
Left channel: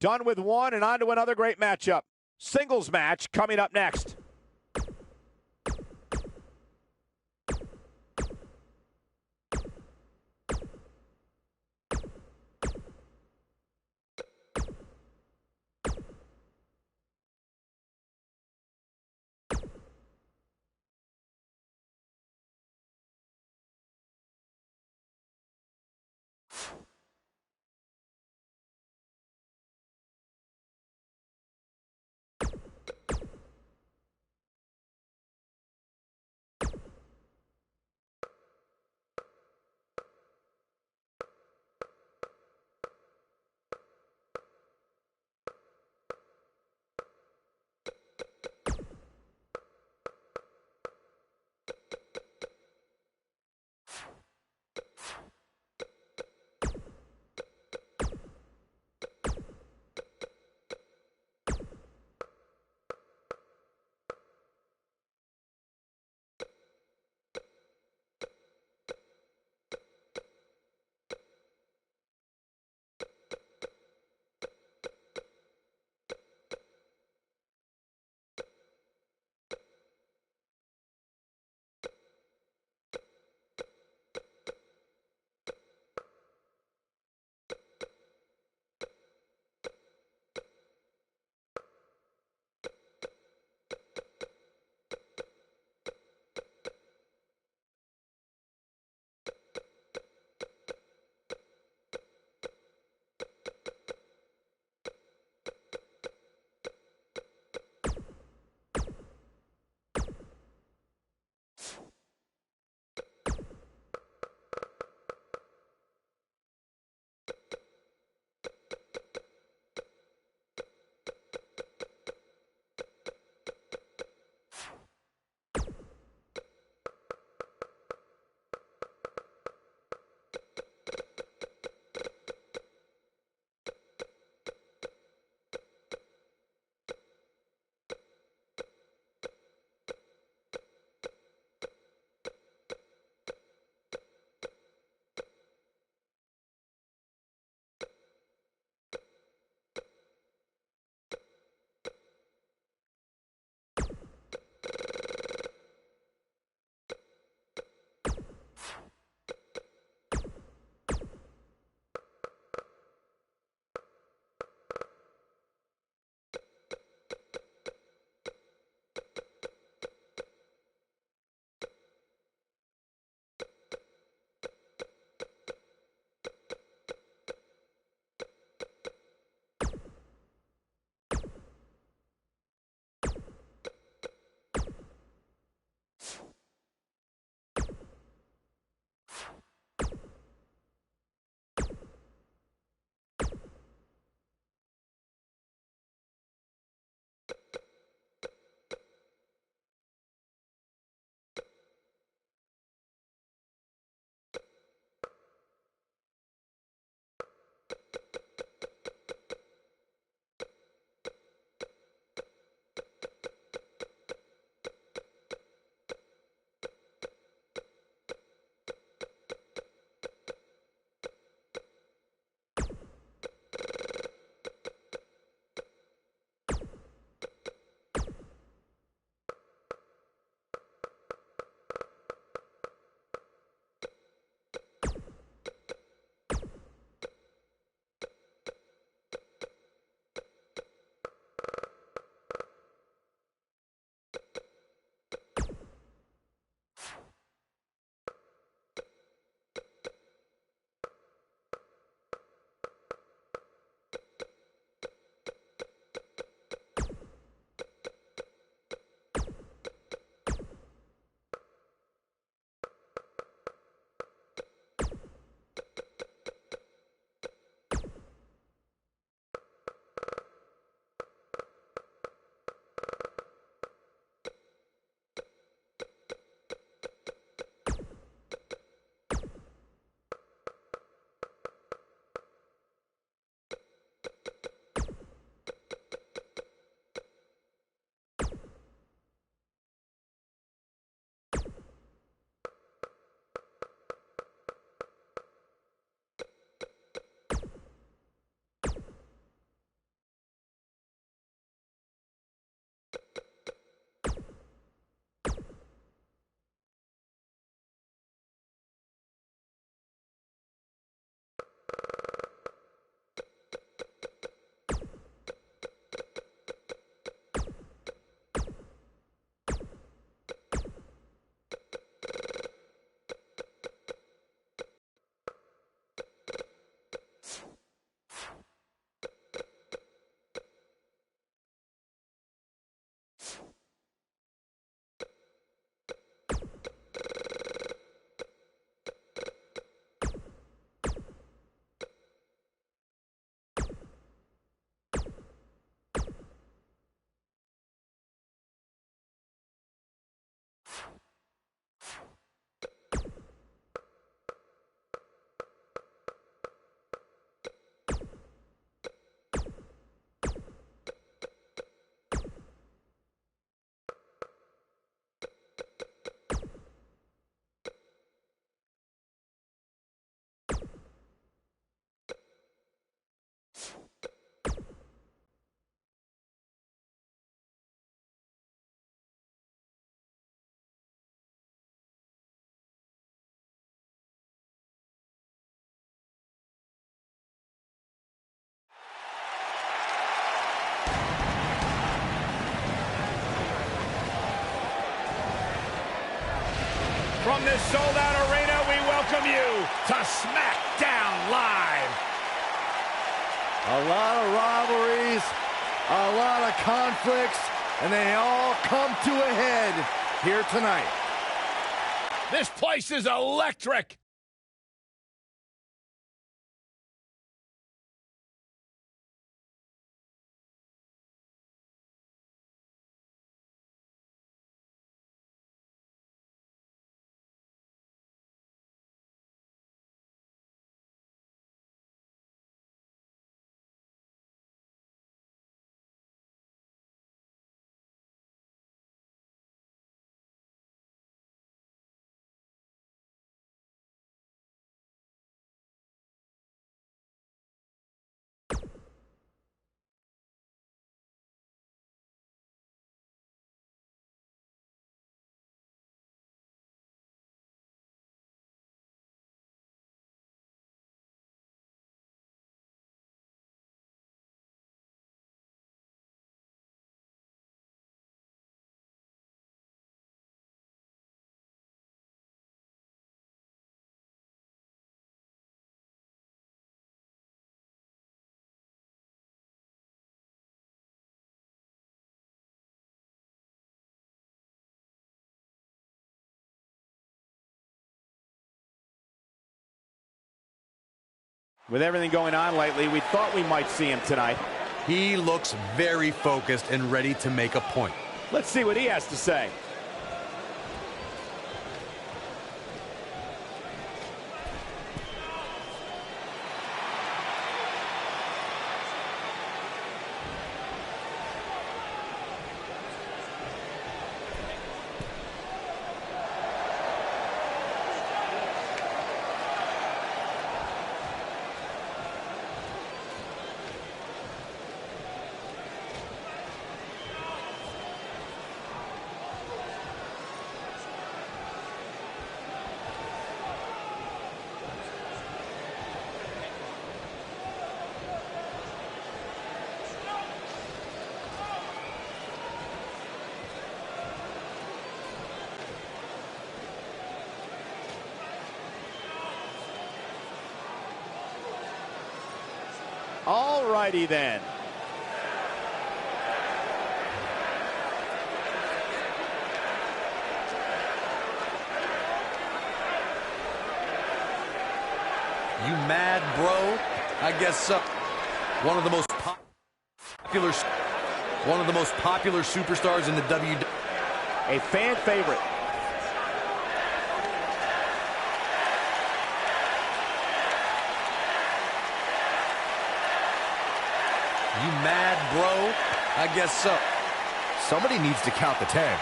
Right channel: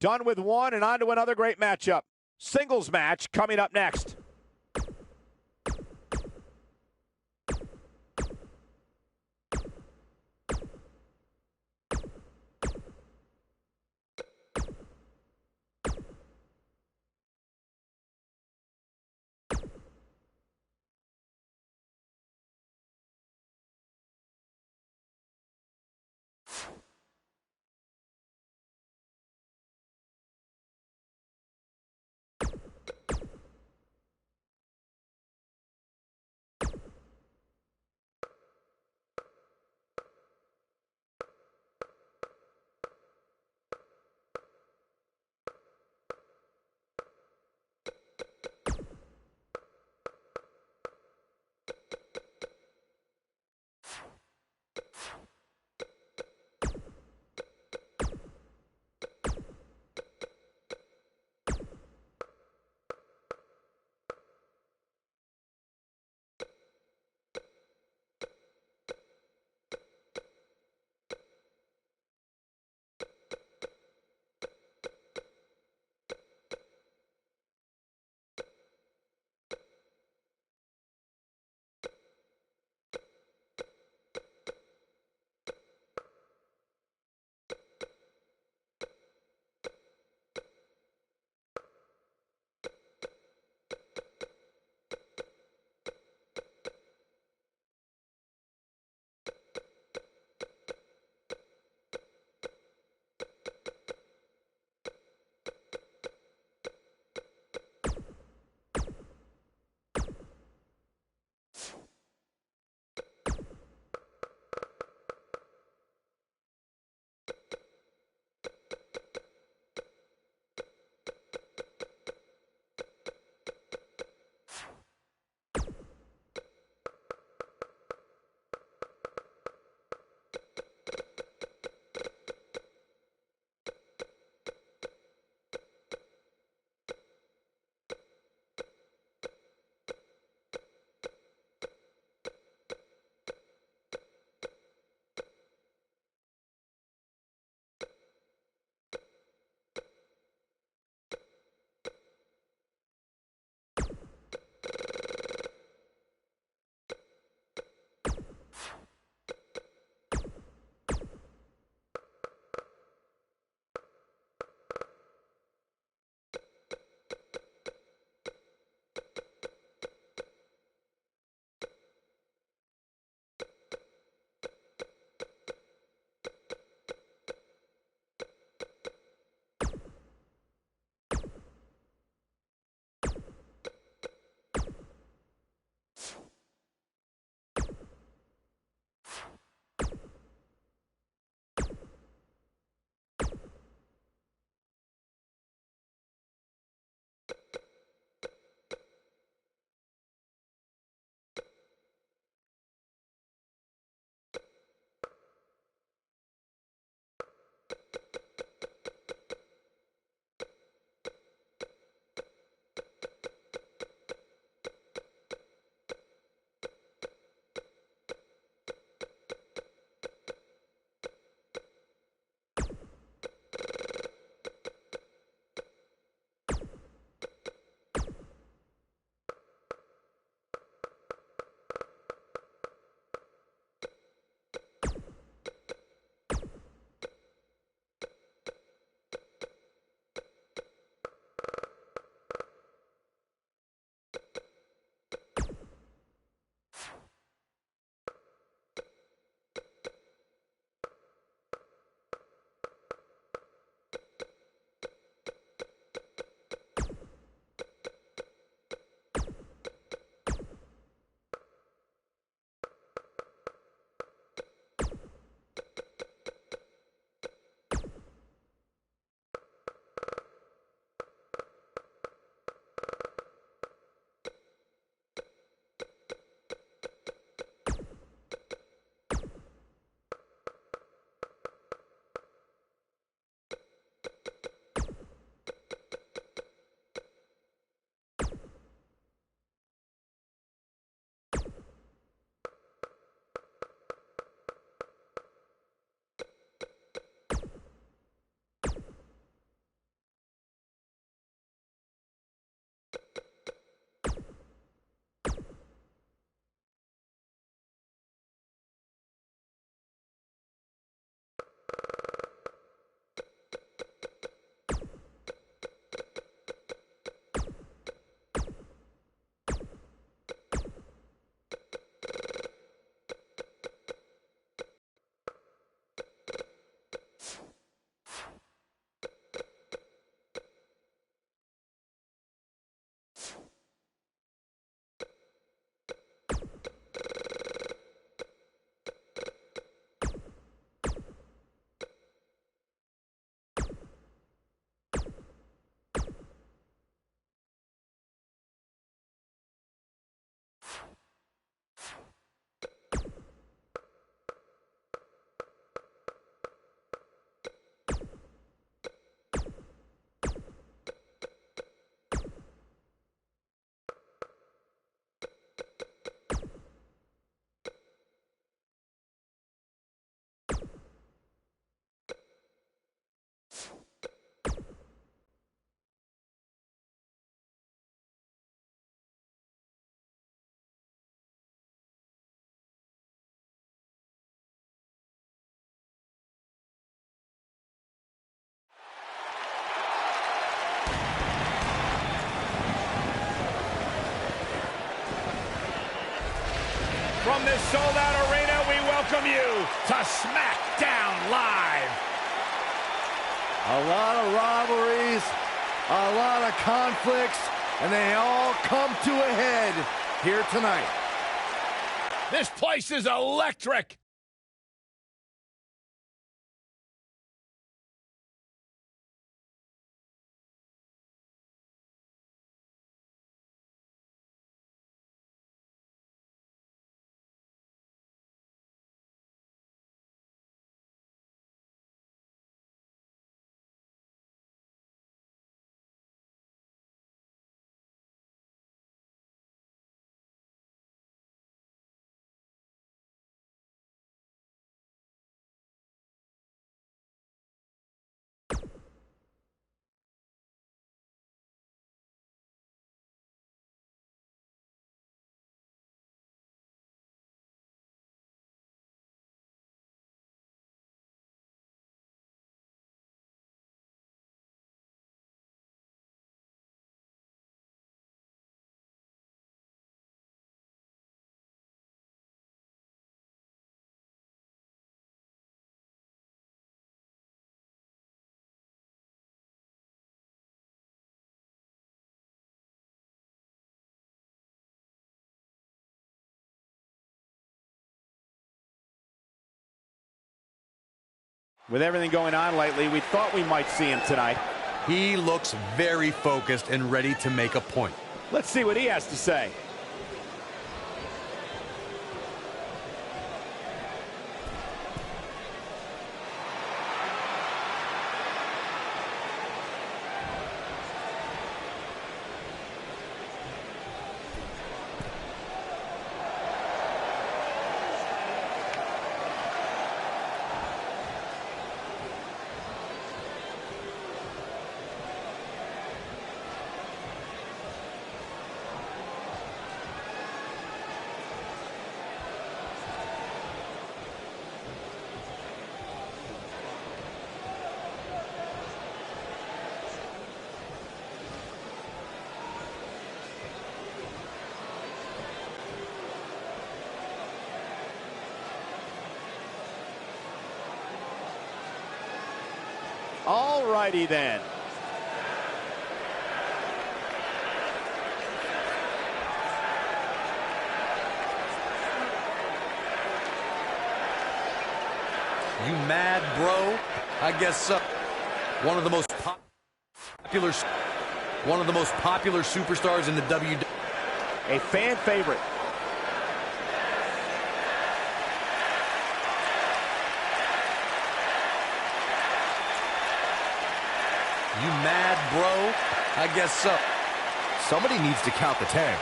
Done with one and on to another great matchup. Singles match coming up next. From this sold-out arena, we welcome you to SmackDown Live. A lot of rivalries, a lot of conflicts, and they all come to a head here tonight. This place is electric. With everything going on lately, we thought we might see him tonight. He looks very focused and ready to make a point. Let's see what he has to say. All righty then. You mad, bro? I guess so. One of the most popular superstars in the WWE. A fan favorite. You mad, bro? I guess so. Somebody needs to count the 10.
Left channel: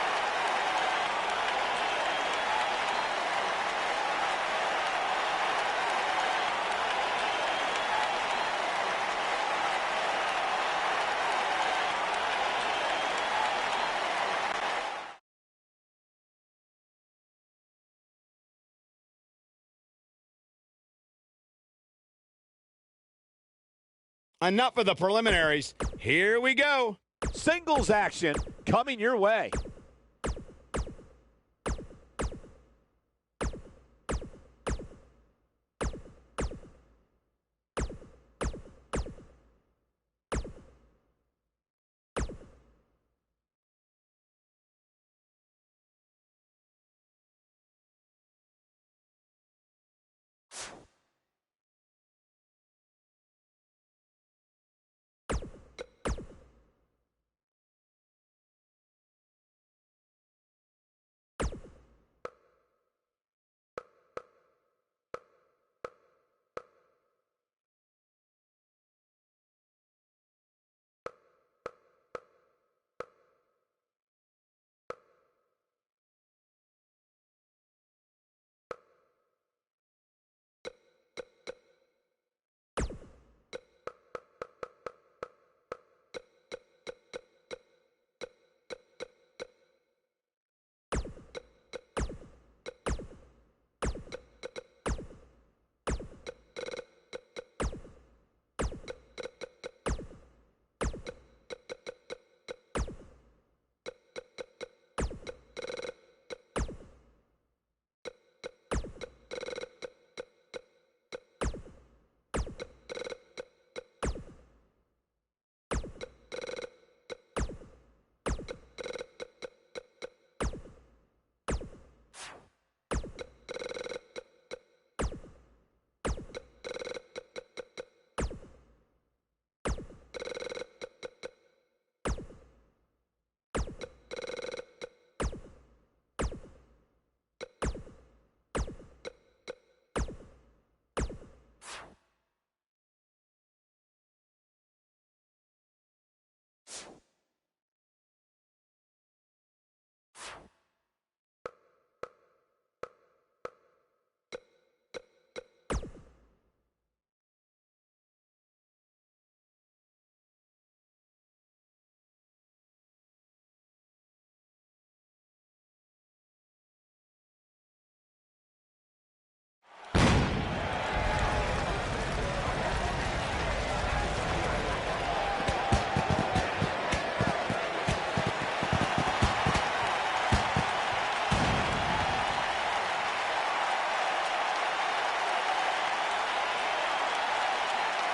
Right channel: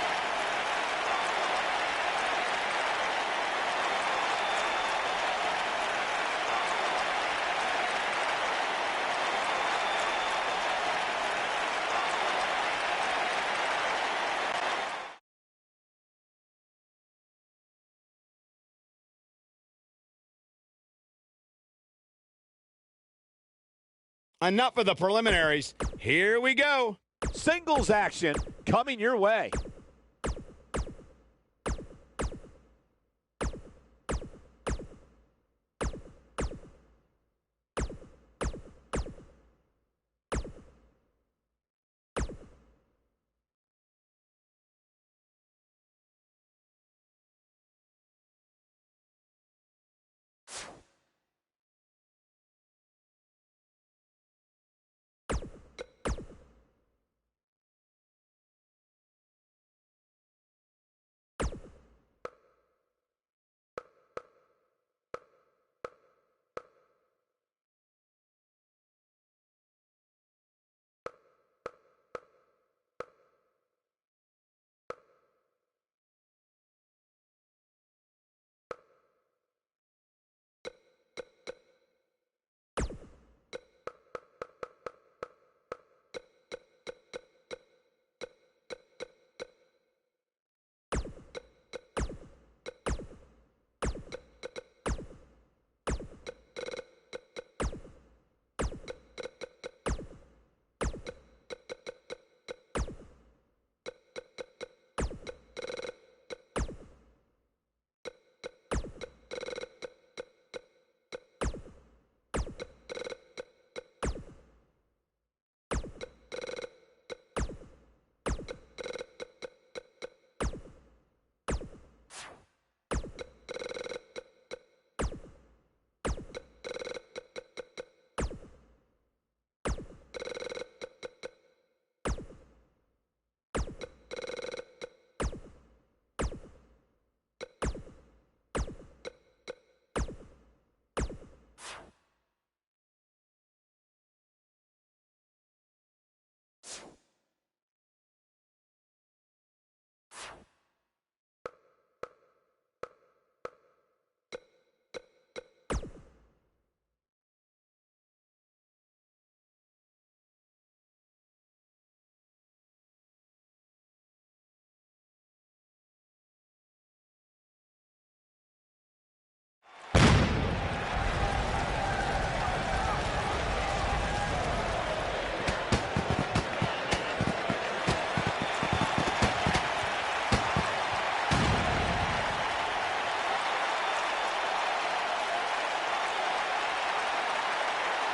Enough of the preliminaries. Here we go. Singles action coming your way.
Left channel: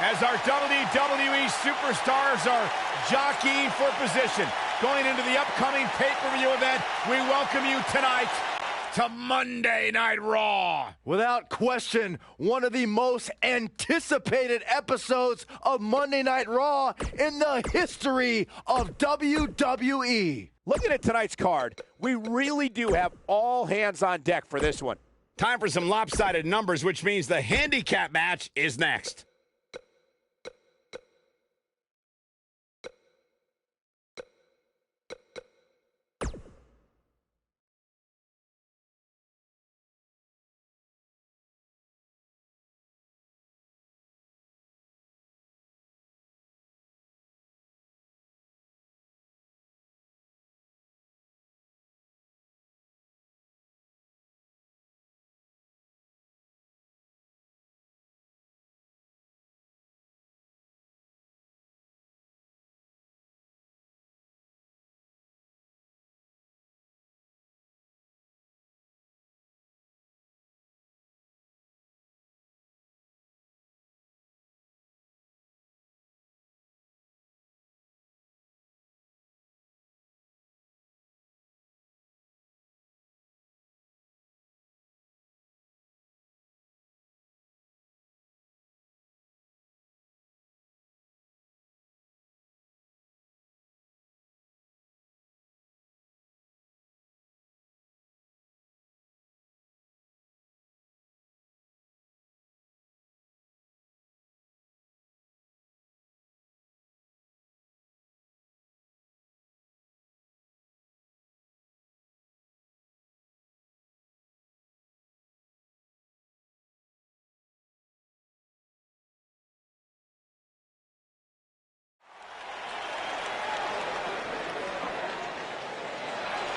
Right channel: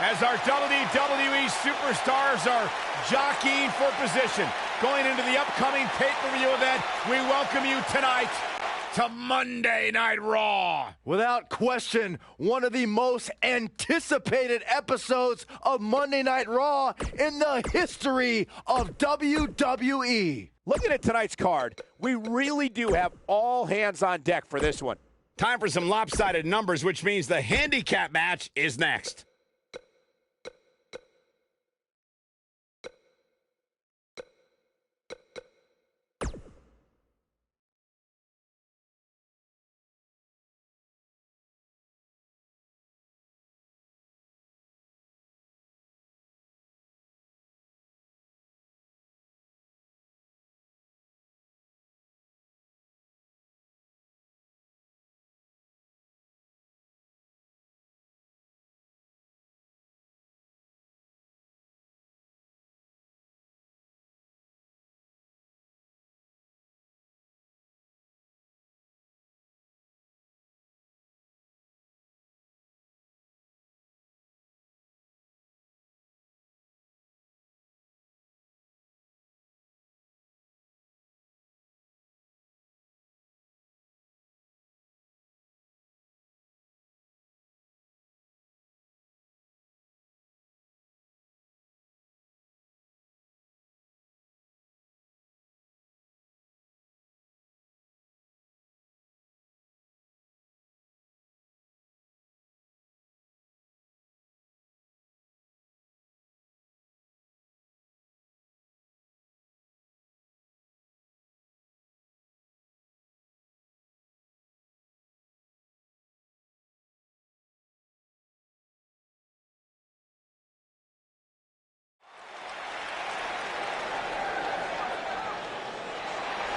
As our WWE superstars are jockeying for position, going into the upcoming pay-per-view event, we welcome you tonight to Monday Night Raw. Without question, one of the most anticipated episodes of Monday Night Raw in the history of WWE. Looking at tonight's card, we really do have all hands on deck for this one. Time for some lopsided numbers, which means the handicap match is next.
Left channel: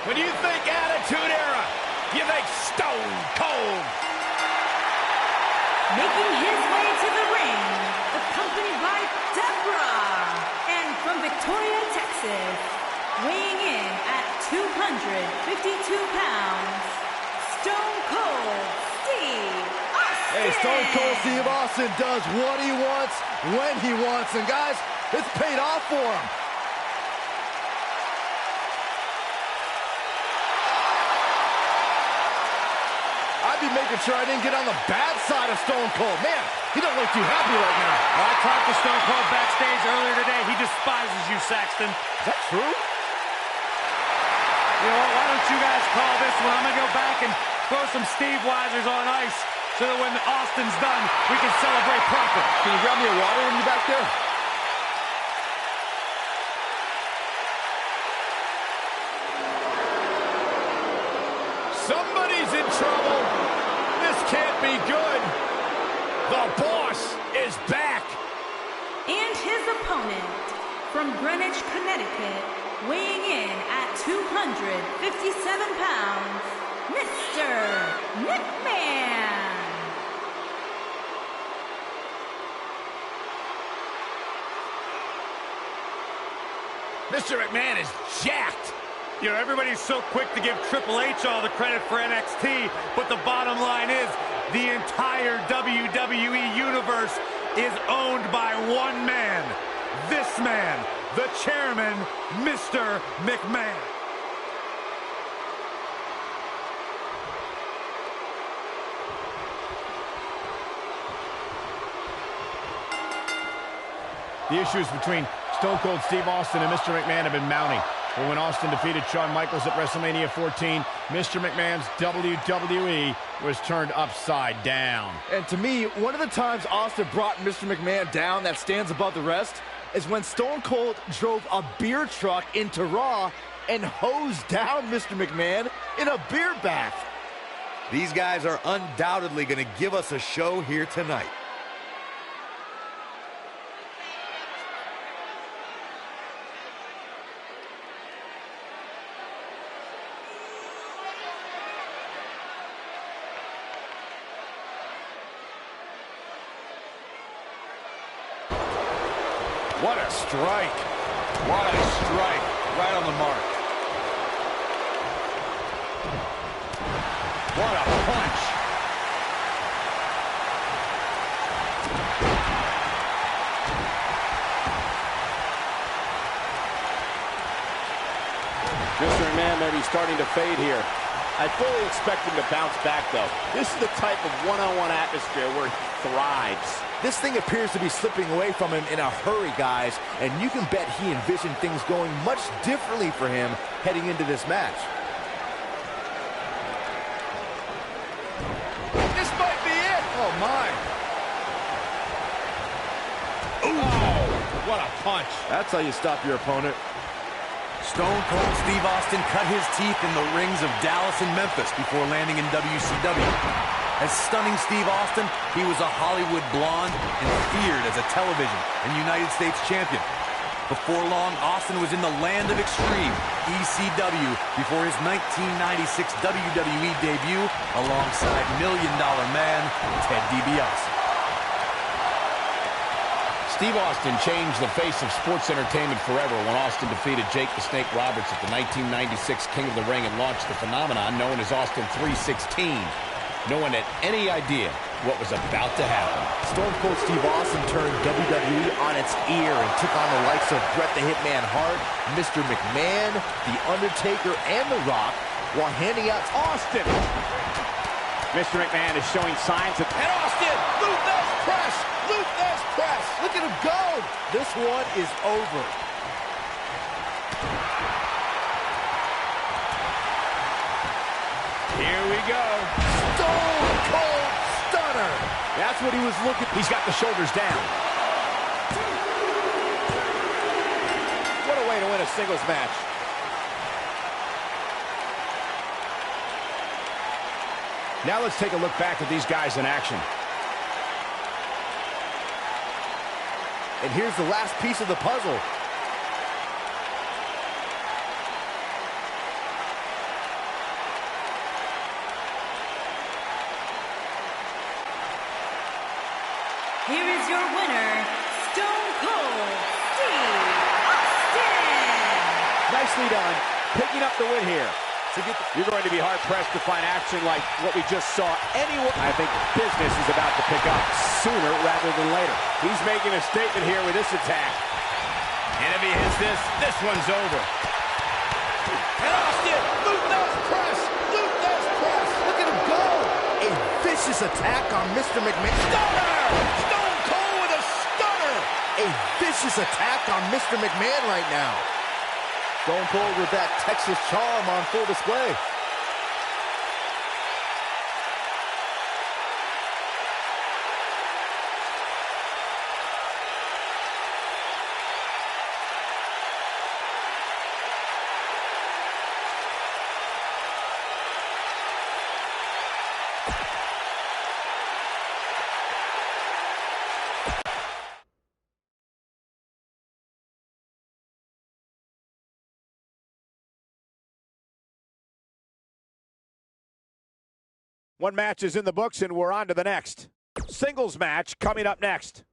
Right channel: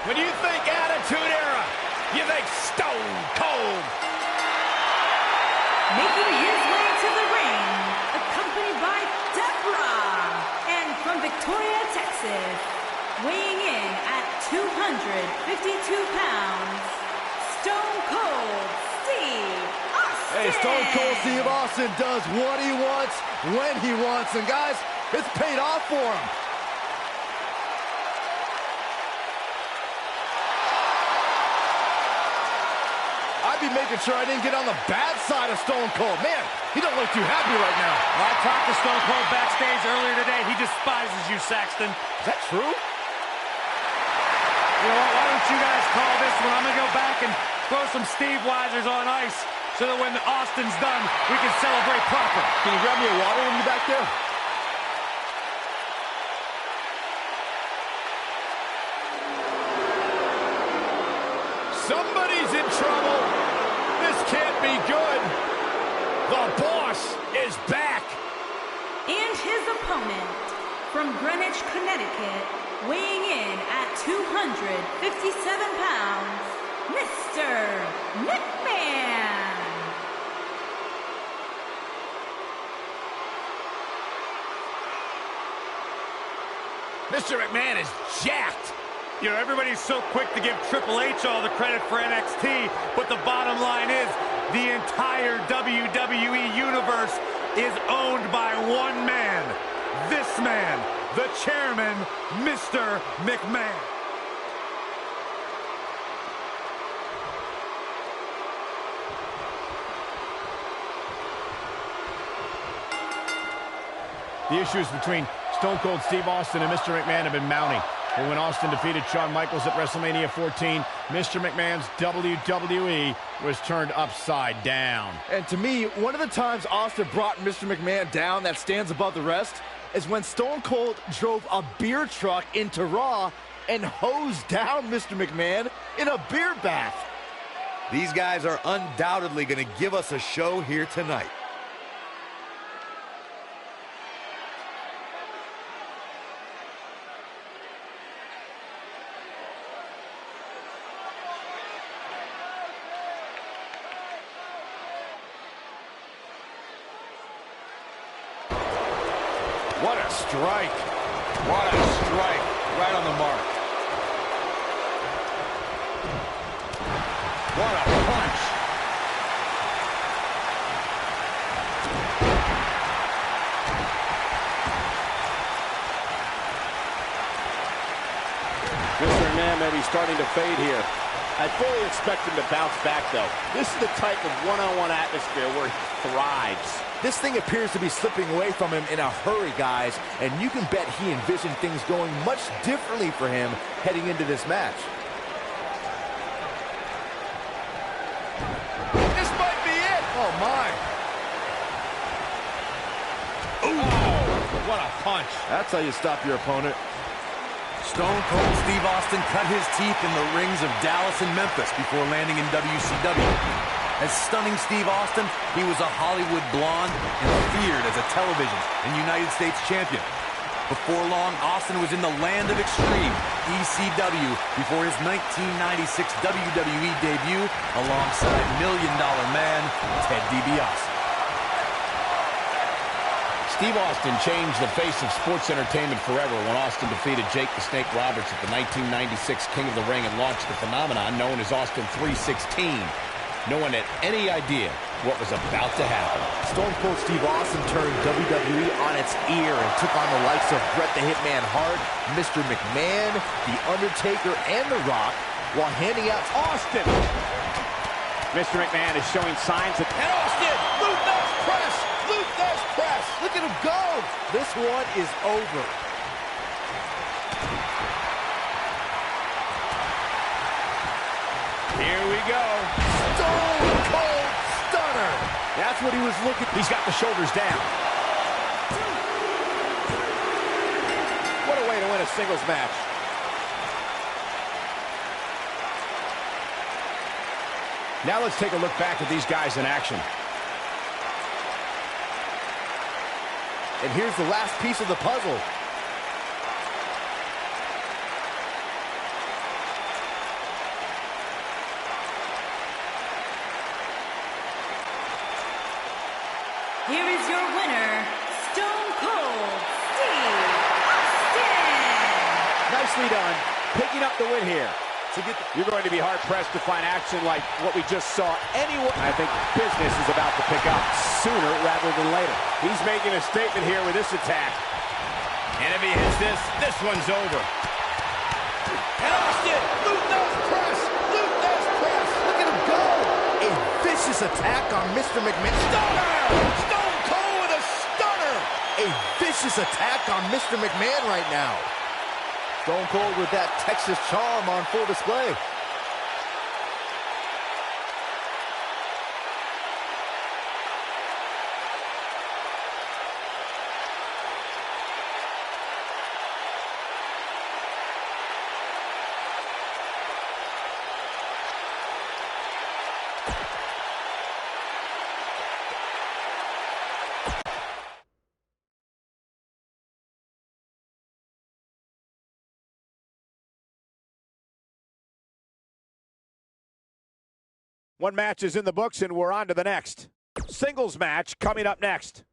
When you think Attitude Era, you think Stone Cold. Making his way to the ring, accompanied by Deborah. And from Victoria, Texas, weighing in at 252 pounds, Stone Cold Steve Austin. Hey, Stone Cold Steve Austin does what he wants, when he wants. And guys, it's paid off for him. I'd be making sure I didn't get on the bad side of Stone Cold. Man, he don't look too happy right now. Well, I talked to Stone Cold backstage earlier today. He despises you, Saxton. Is that true? You know what? Why don't you guys call this one? I'm going to go back and throw some Steve Weisers on ice so that when Austin's done, we can celebrate proper. Can you grab me a water when you're back there? Somebody's in trouble. This can't be good. The boss is back. And his opponent, from Greenwich, Connecticut, weighing in at 257 pounds, Mr. McMahon. Mr. McMahon is jacked. You know, everybody's so quick to give Triple H all the credit for NXT, but the bottom line is the entire WWE Universe is owned by one man. This man, the chairman, Mr. McMahon. The issues between Stone Cold Steve Austin and Mr. McMahon have been mounting. But when Austin defeated Shawn Michaels at WrestleMania 14, Mr. McMahon's WWE was turned upside down. And to me, one of the times Austin brought Mr. McMahon down that stands above the rest is when Stone Cold drove a beer truck into Raw and hosed down Mr. McMahon in a beer bath. These guys are undoubtedly going to give us a show here tonight. What a strike. What a strike. Right on the mark. What a punch. may be starting to fade here. I fully expect him to bounce back, though. This is the type of one-on-one atmosphere where he thrives. This thing appears to be slipping away from him in a hurry, guys, and you can bet he envisioned things going much differently for him heading into this match. This might be it. Oh, my. Oh, what a punch. That's how you stop your opponent. Stone Cold Steve Austin cut his teeth in the rings of Dallas and Memphis before landing in WCW. As stunning Steve Austin, he was a Hollywood blonde and feared as a television and United States champion. Before long, Austin was in the land of extreme, ECW, before his 1996 WWE debut alongside $1 Million Man Ted DiBiase. Steve Austin changed the face of sports entertainment forever when Austin defeated Jake the Snake Roberts at the 1996 King of the Ring and launched the phenomenon known as Austin 316. No one had any idea what was about to happen. Stone Cold Steve Austin turned WWE on its ear and took on the likes of Bret the Hitman Hart, Mr. McMahon, The Undertaker, and The Rock, while handing out Austin! Mr. McMahon is showing signs that... And Austin! Luther's press! Luther's press! Look at him go! This one is over. Here we go. Stone Cold Stunner! That's what he was looking. He's got the shoulders down. What a way to win a singles match. Now let's take a look back at these guys in action. And here's the last piece of the puzzle. Here is your winner, Stone Cold Steve Austin. Nicely done. Picking up the win here. You're going to be hard-pressed to find action like what we just saw anywhere. I think business is about to pick up sooner rather than later. He's making a statement here with this attack. And if he hits this, this one's over. And Austin, Luther's press! Luther's press! Look at him go! A vicious attack on Mr. McMahon. Stunner! Stone Cold with a stunner! A vicious attack on Mr. McMahon right now. Stone Cold with that Texas charm on full display. One match is in the books, and we're on to the next. Singles match coming up next.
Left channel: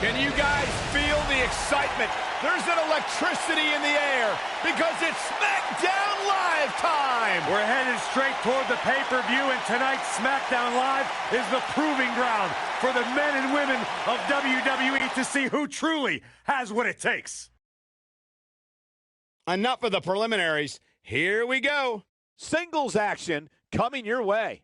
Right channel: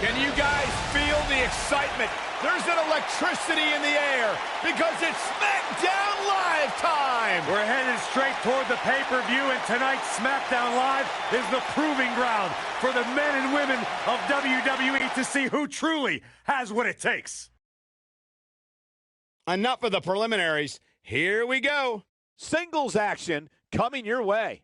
Can you guys feel the excitement? There's an electricity in the air because it's SmackDown Live time! We're headed straight toward the pay-per-view, and tonight's SmackDown Live is the proving ground for the men and women of WWE to see who truly has what it takes. Enough of the preliminaries. Here we go. Singles action coming your way.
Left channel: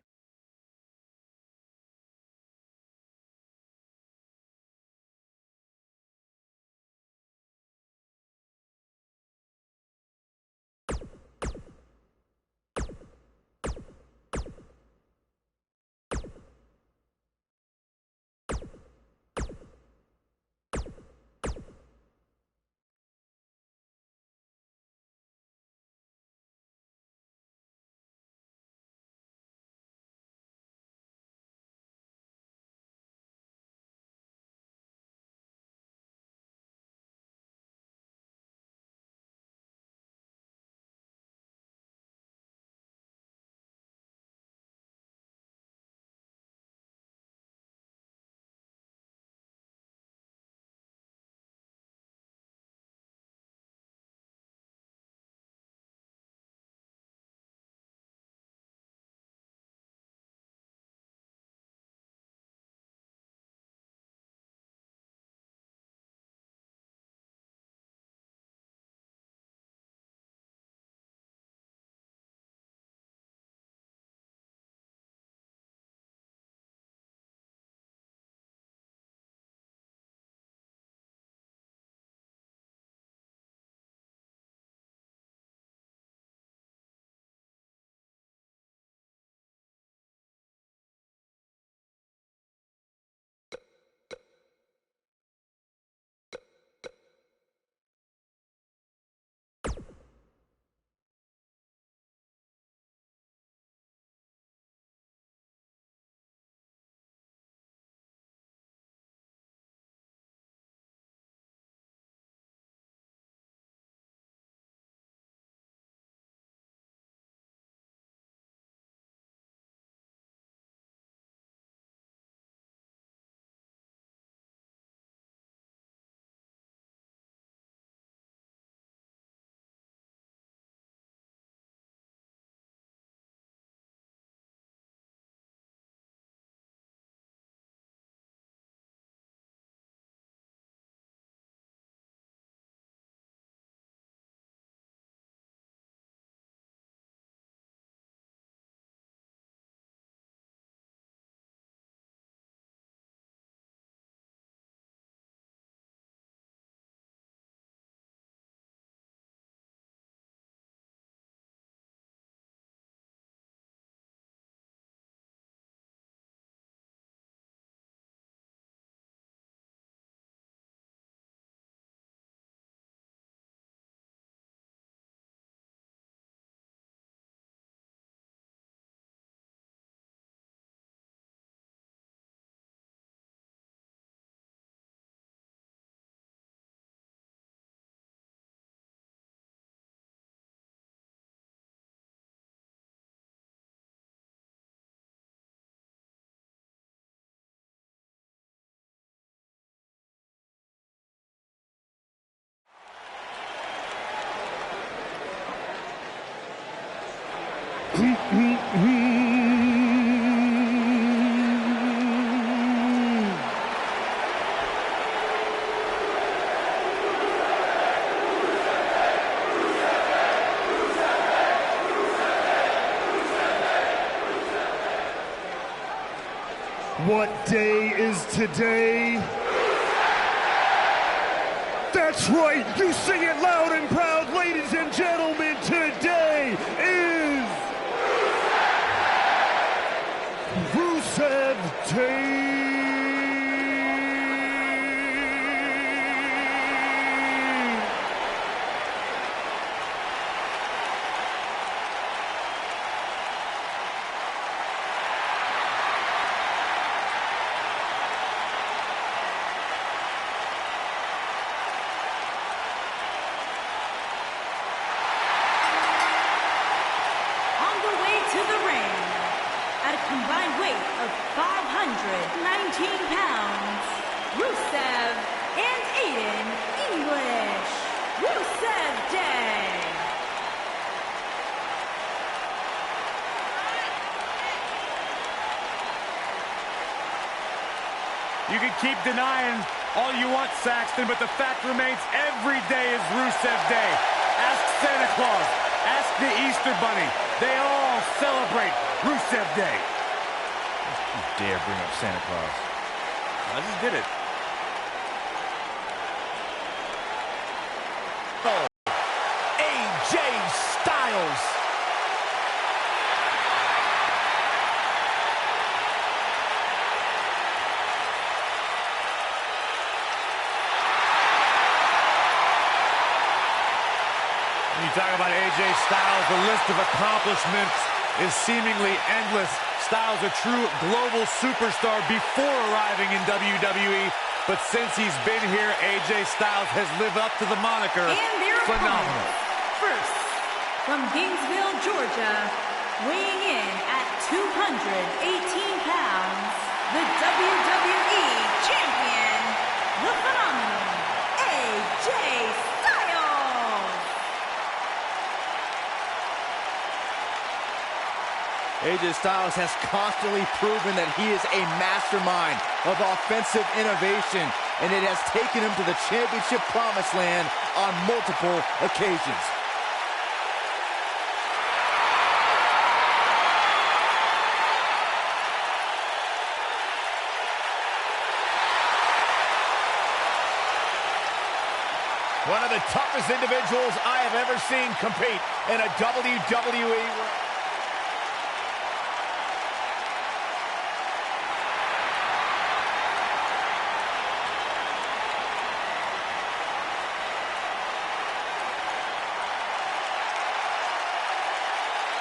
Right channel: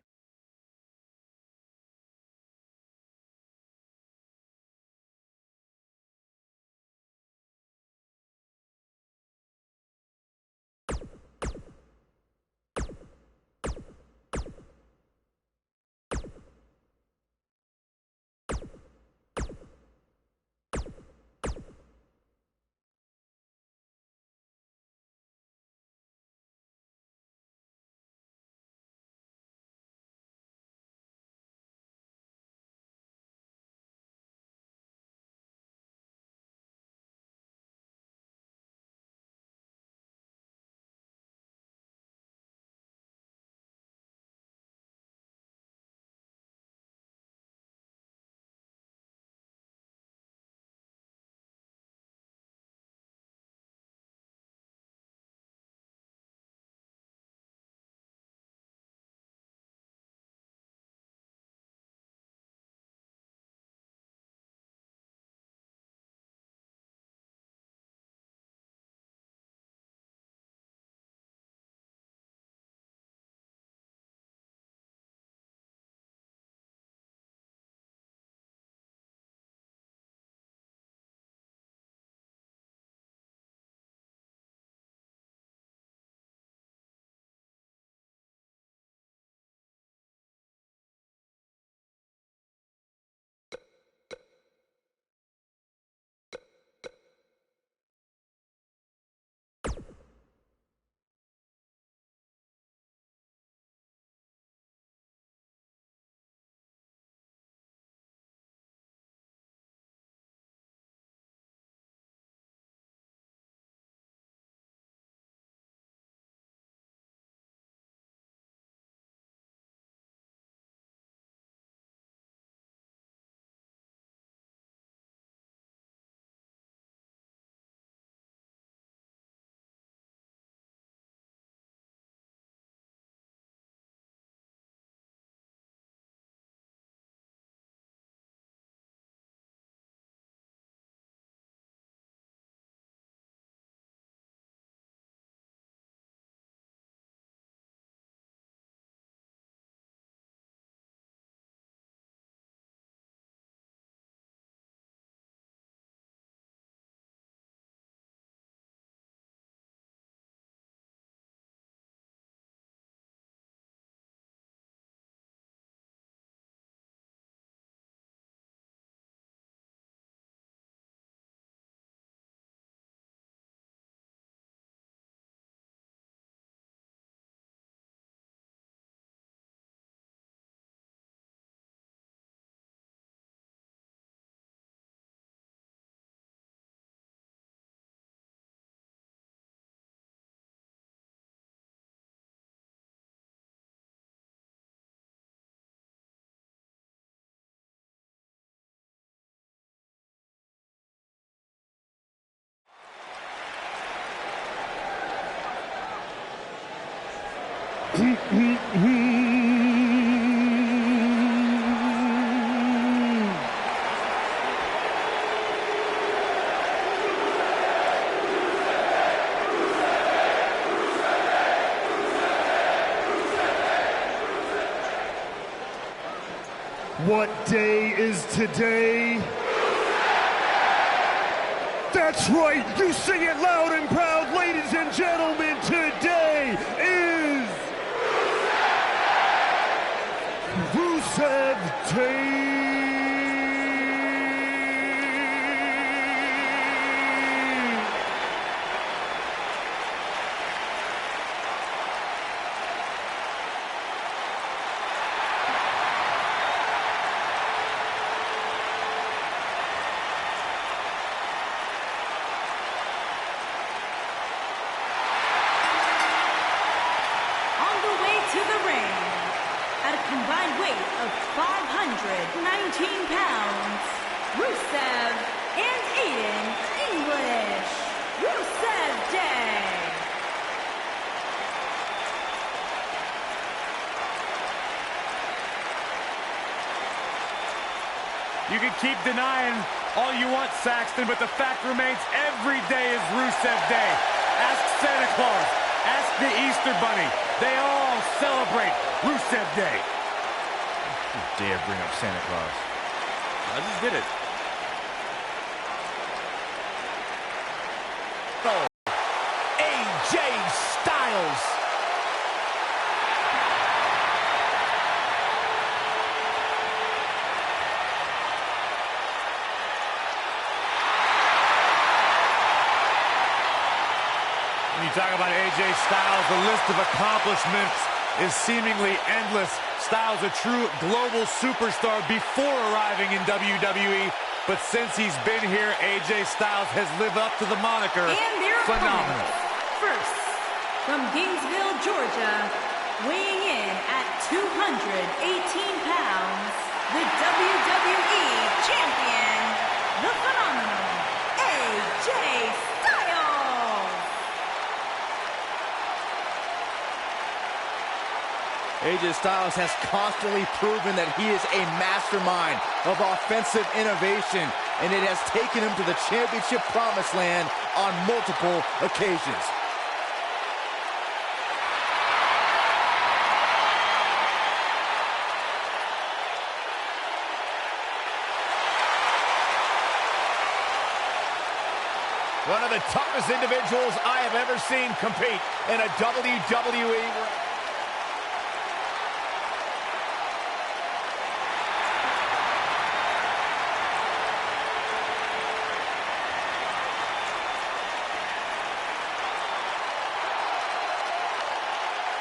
What day is today? That's right, you sing it loud and proud, ladies and gentlemen. Today is Rusev Day. To the ring, at a combined weight of 519 pounds, Rusev and Aiden English. Rusev Day. You can keep denying all you want, Saxton, but the fact remains every day is Rusev Day. Ask Santa Claus. Ask the Easter Bunny. They all celebrate Rusev Day. You dare bring up Santa Claus. I just did it. Oh, AJ Styles. When you talk about AJ Styles, the list of accomplishments is seemingly endless. Styles, a true global superstar before arriving in WWE, but since he's been here, AJ Styles has lived up to the moniker. And their phenomenal. opponents. First, from Gainesville, Georgia, weighing in at 218 pounds, the WWE Champion, the phenomenal AJ Styles. AJ Styles has constantly proven that he is a mastermind of offensive innovation, and it has taken him to the championship promised land on multiple occasions. One of the toughest individuals I have ever seen compete in a WWE ring.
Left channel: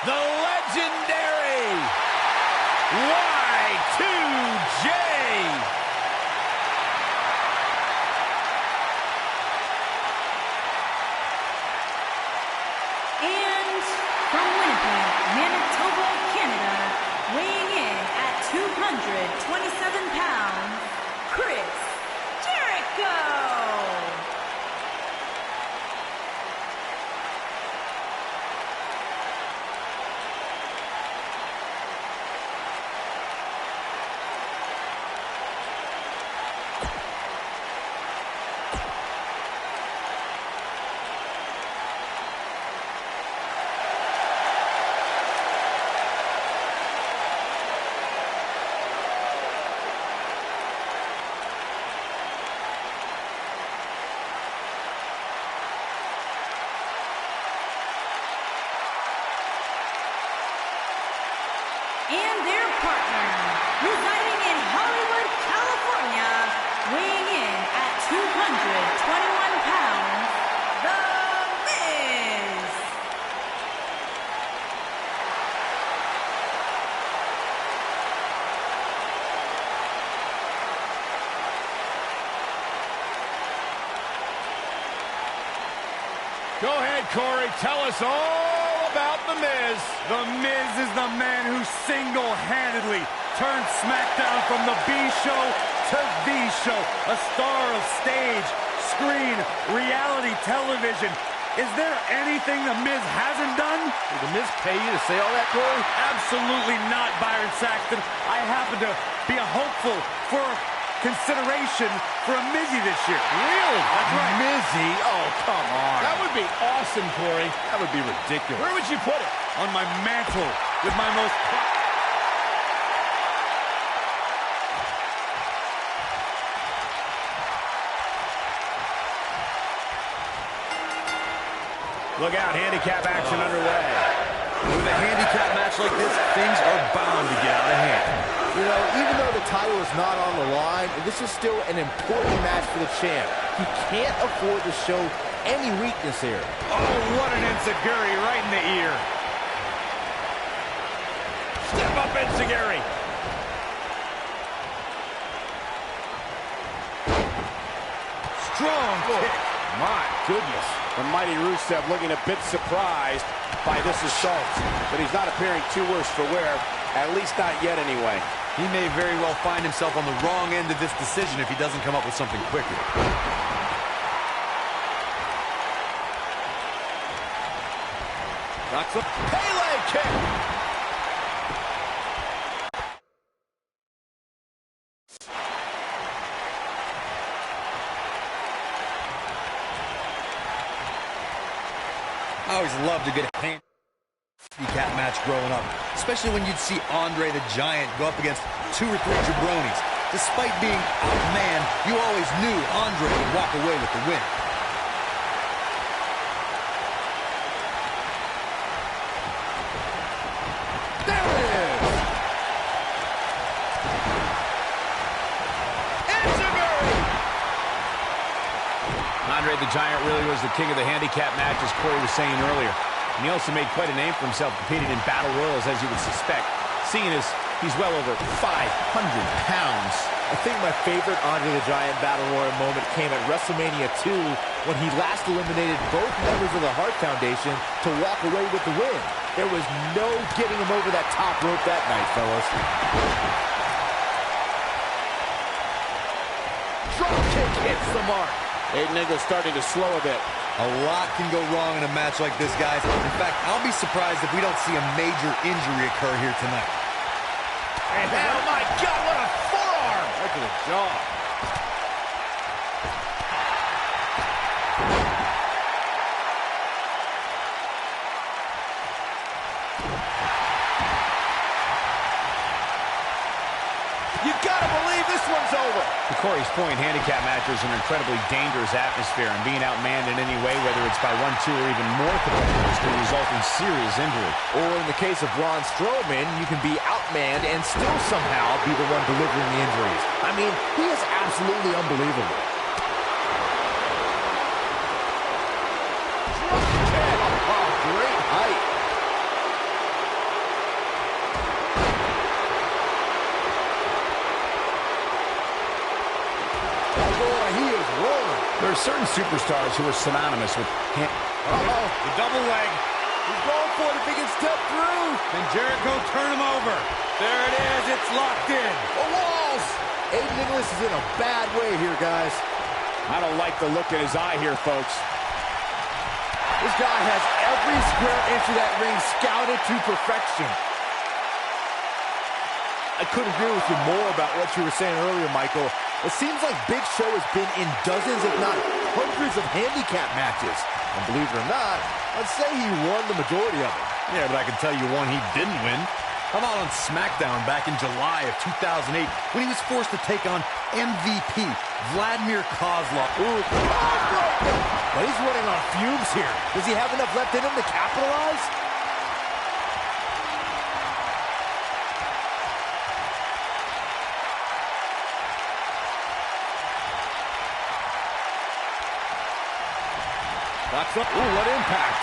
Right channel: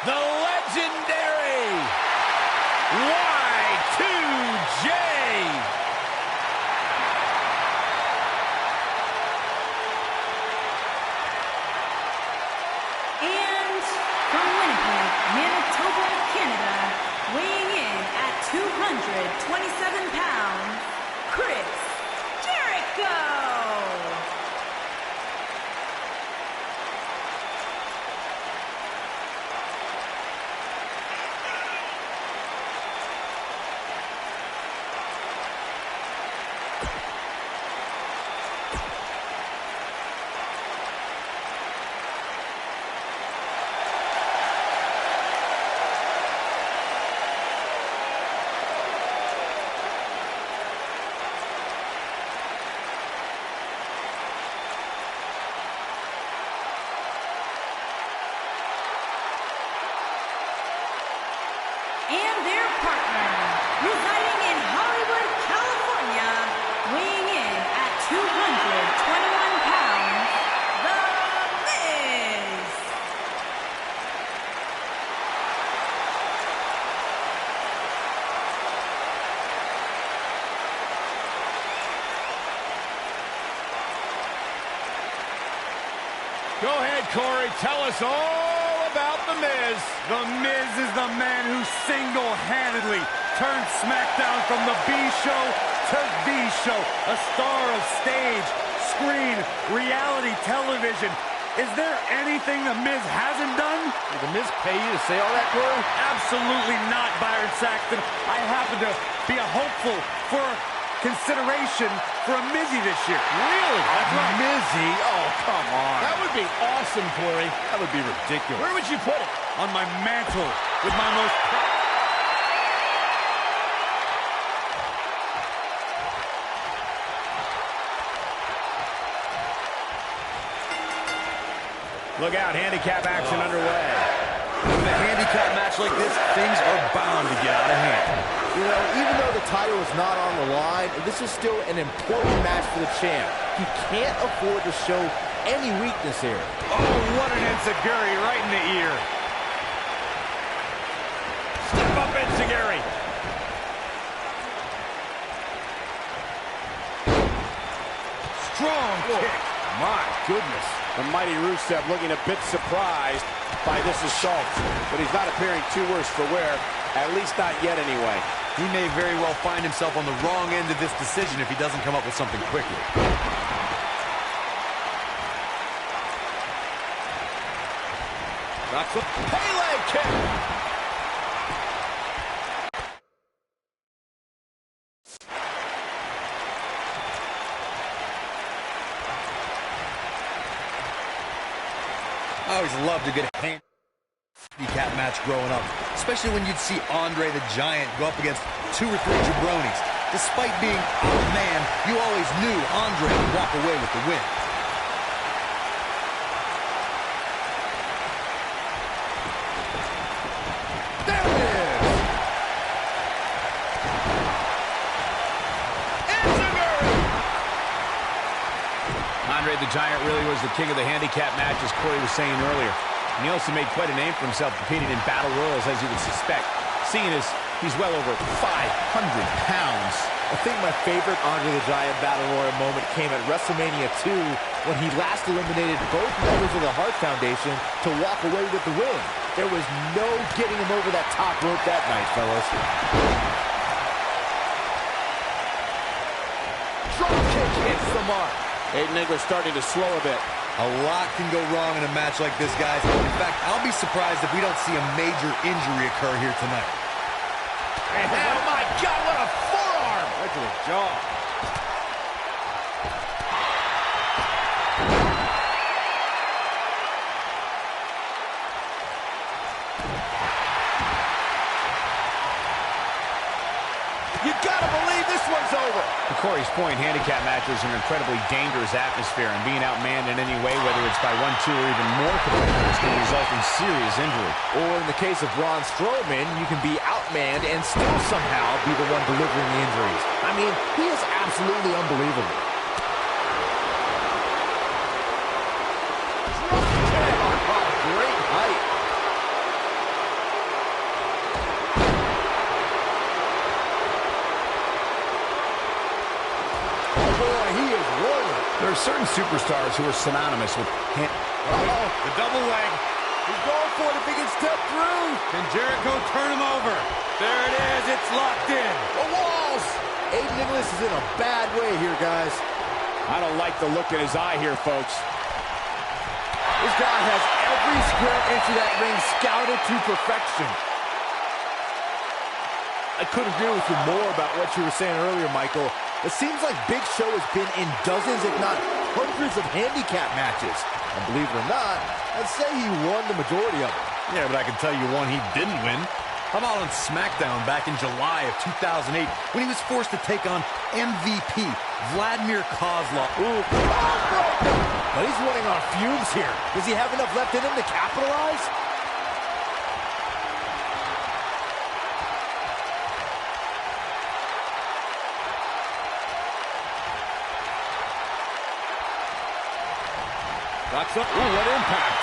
The legendary Y2J. And from Winnipeg, Manitoba, Canada, weighing in at 227 pounds, Chris Jericho. And their partner, residing in Hollywood, California, weighing in at 221 pounds, The Miz. Go ahead, Corey. Tell us all about The Miz. The Miz is the man who single-handedly turned SmackDown from the B show to the show. A star of stage, screen, reality television. Is there anything The Miz hasn't done? Did The Miz pay you to say all that, Corey? Absolutely not, Byron Saxton. I happen to be a hopeful for consideration for a Mizzy this year. Really? That's right. Mizzy? Oh, come on. That would be awesome, Corey. That would be ridiculous. Where would you put it? On my mantle with my most... Look out, handicap action underway. With a handicap match like this, things are bound to get out of hand. You know, even though the title is not on the line, this is still an important match for the champ. He can't afford to show any weakness here. Oh, what an enziguri right in the ear. Step up, enziguri. Strong kick. My goodness. The mighty Rusev looking a bit surprised by this assault, but he's not appearing too worse for wear, at least not yet anyway. He may very well find himself on the wrong end of this decision if he doesn't come up with something quickly. Knocks up. Pele kick. I always loved a good handicap match growing up, especially when you'd see Andre the Giant go up against 2 or 3 jabronis. Despite being outmanned, you always knew Andre would walk away with the win. There it is. Andre the Giant really was the king of the handicap match, as Corey was saying earlier. And he also made quite a name for himself competing in battle royals, as you would suspect, seeing as he's well over 500 pounds. I think my favorite Andre the Giant Battle Royal moment came at WrestleMania 2 when he last eliminated both members of the Hart Foundation to walk away with the win. There was no getting him over that top rope that night, fellas. Drop kick hits the mark. Aiden English starting to slow a bit. A lot can go wrong in a match like this, guys. In fact, I'll be surprised if we don't see a major injury occur here tonight. And oh my God, what a forearm! Right to the jaw. You gotta believe this one's over. To Corey's point, handicap matches are an incredibly dangerous atmosphere, and being outmanned in any way, whether it's by 1, 2, or even more competitors, can result in serious injury. Or in the case of Braun Strowman, you can be outmanned and still somehow be the one delivering the injuries. I mean, he is absolutely unbelievable. Drop kick! Oh, great height. Boy, he is rolling. There are certain superstars who are synonymous with The double leg. He's going for it if he can step through. Can Jericho turn him over? There it is. It's locked in. The walls. Aiden English is in a bad way here, guys. I don't like the look in his eye here, folks. This guy has every square inch of that ring scouted to perfection. I couldn't agree with you more about what you were saying earlier, Michael. It seems like Big Show has been in dozens, if not hundreds, of handicap matches. And believe it or not, I'd say he won the majority of them. Yeah, but I can tell you one he didn't win. How about on SmackDown back in July of 2008 when he was forced to take on MVP Vladimir Kozlov. Ooh, but he's running on fumes here. Does he have enough left in him to capitalize? Knocks up. Ooh, what impact.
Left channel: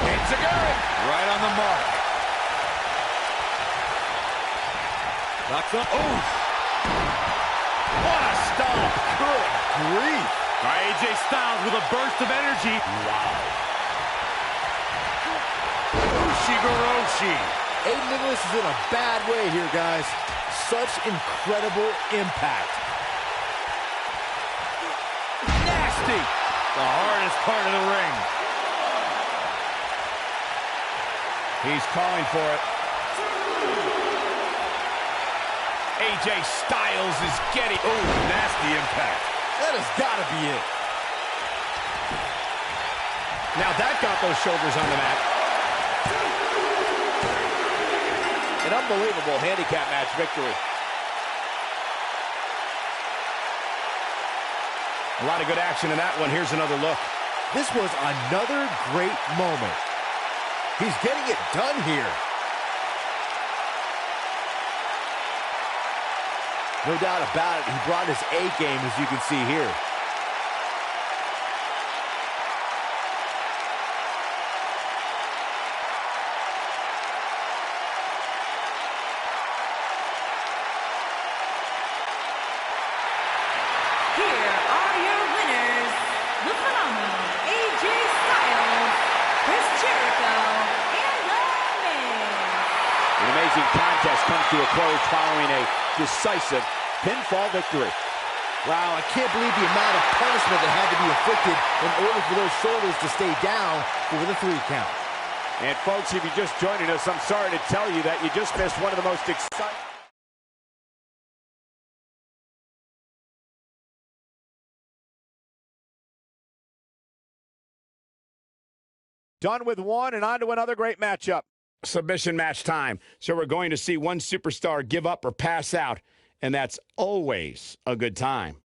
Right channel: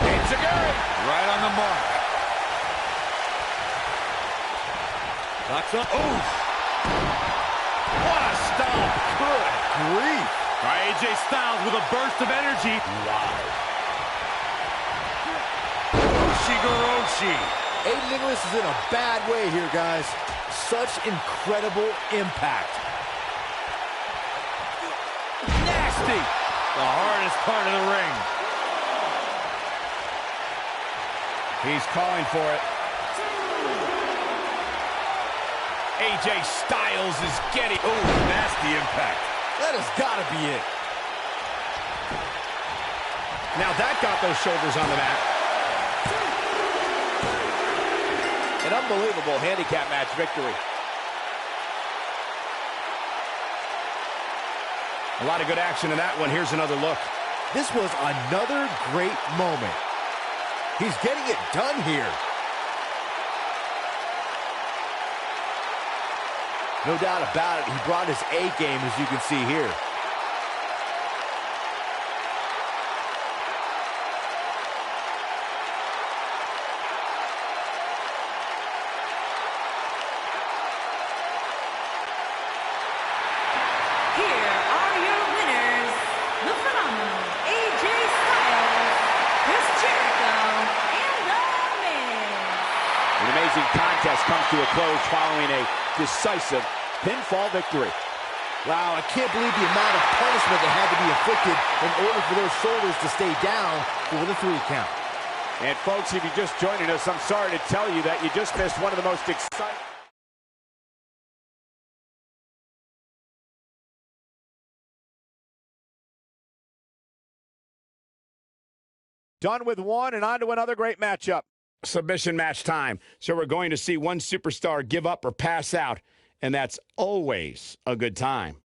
Enziguri. Right on the mark. Knocks up. Ooh. What a stomp. Good grief. AJ Styles with a burst of energy. Wow. Ushigoroshi. Aiden English is in a bad way here, guys. Such incredible impact. Nasty. The hardest part of the ring. He's calling for it. AJ Styles is getting... Oh, nasty impact. That has got to be it. Now that got those shoulders on the mat. An unbelievable handicap match victory. A lot of good action in that one. Here's another look. This was another great moment. He's getting it done here. No doubt about it, he brought his A game, as you can see here. Here are your winners, the phenomenal AJ Styles, Chris Jericho, amazing contest comes to a close following a decisive pinfall victory. Wow, I can't believe the amount of punishment that had to be inflicted in order for those shoulders to stay down for the 3 count. And folks, if you're just joining us, I'm sorry to tell you that you just missed one of the most exciting... Done with one and on to another great matchup. Submission match time. So we're going to see one superstar give up or pass out, and that's always a good time.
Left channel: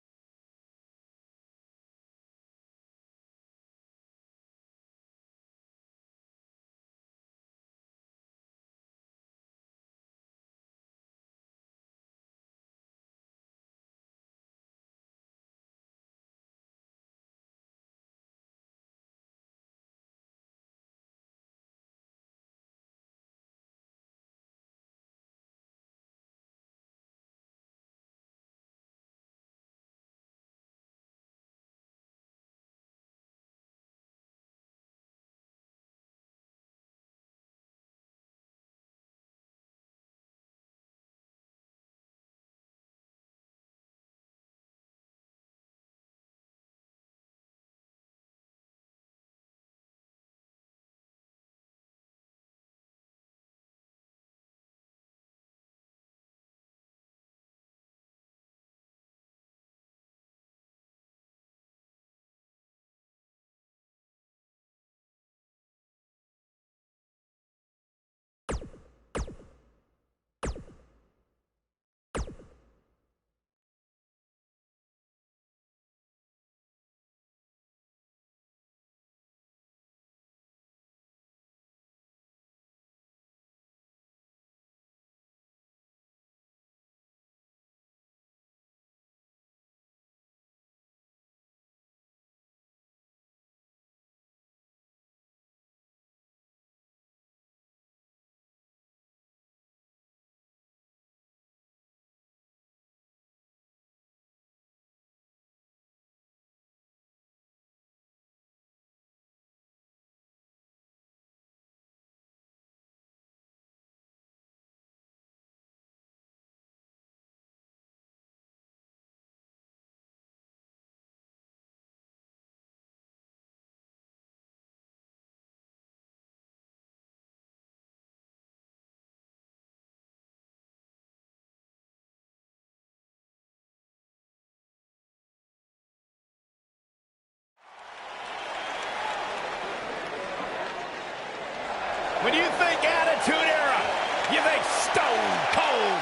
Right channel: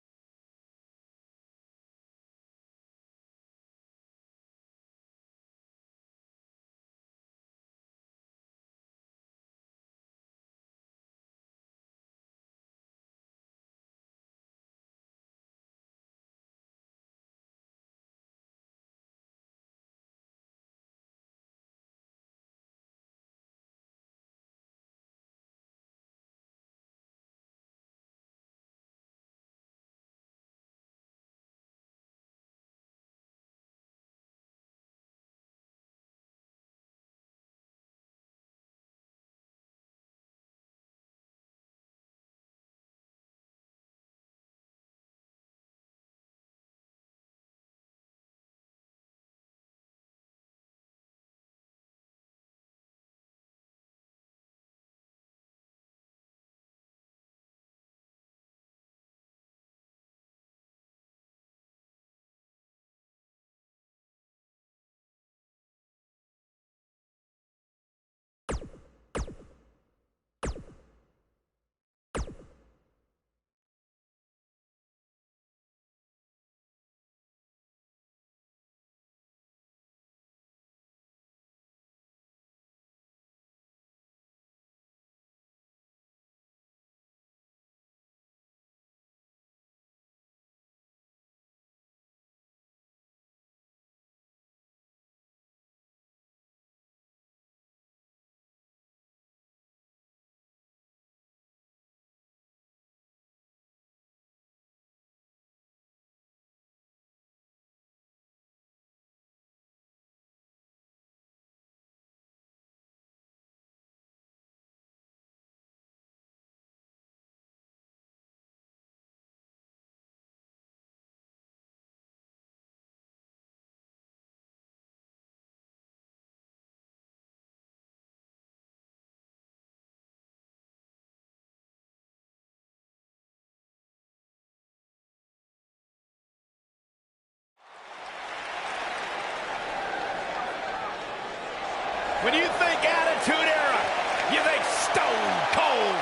When you think Attitude Era, you think Stone Cold.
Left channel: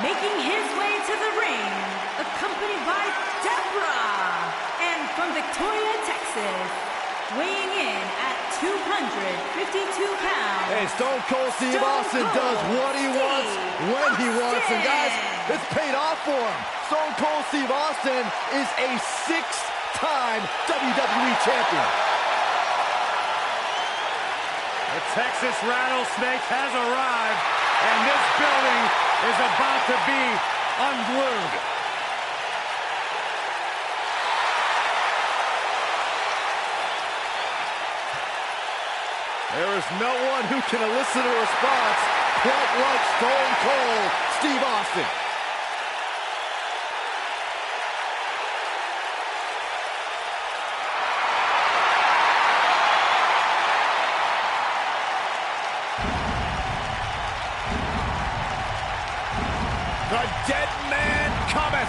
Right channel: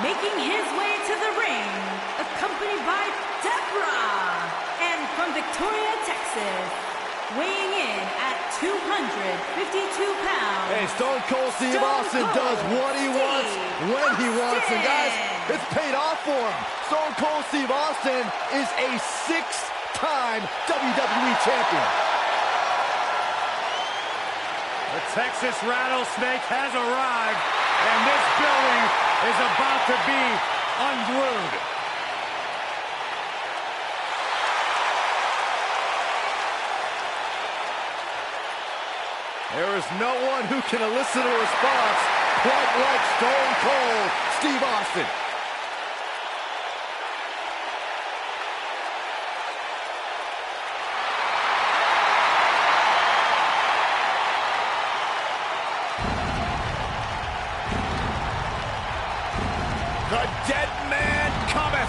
Making his way to the ring, accompanied by Deborah, and from Victoria, Texas, weighing in at 252 pounds. Hey, Stone Cold Steve Austin does what he wants, when he wants. And guys, it's paid off for him. Stone Cold Steve Austin is a 6-time WWE champion. The Texas Rattlesnake has arrived, and this building is about to be unglued. There is no one who can elicit a response quite like Stone Cold Steve Austin. The dead man cometh.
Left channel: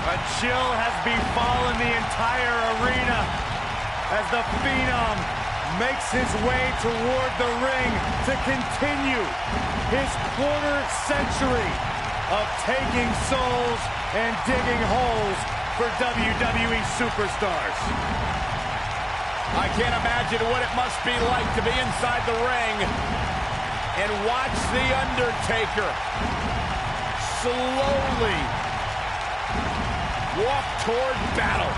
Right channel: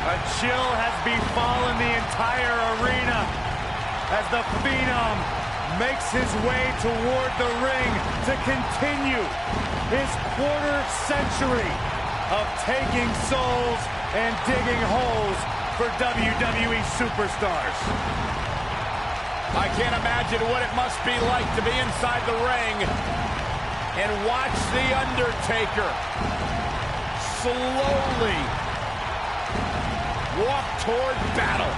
A chill has befallen the entire arena as the Phenom makes his way toward the ring to continue his quarter-century of taking souls and digging holes for WWE superstars. I can't imagine what it must be like to be inside the ring and watch The Undertaker slowly walk toward battle.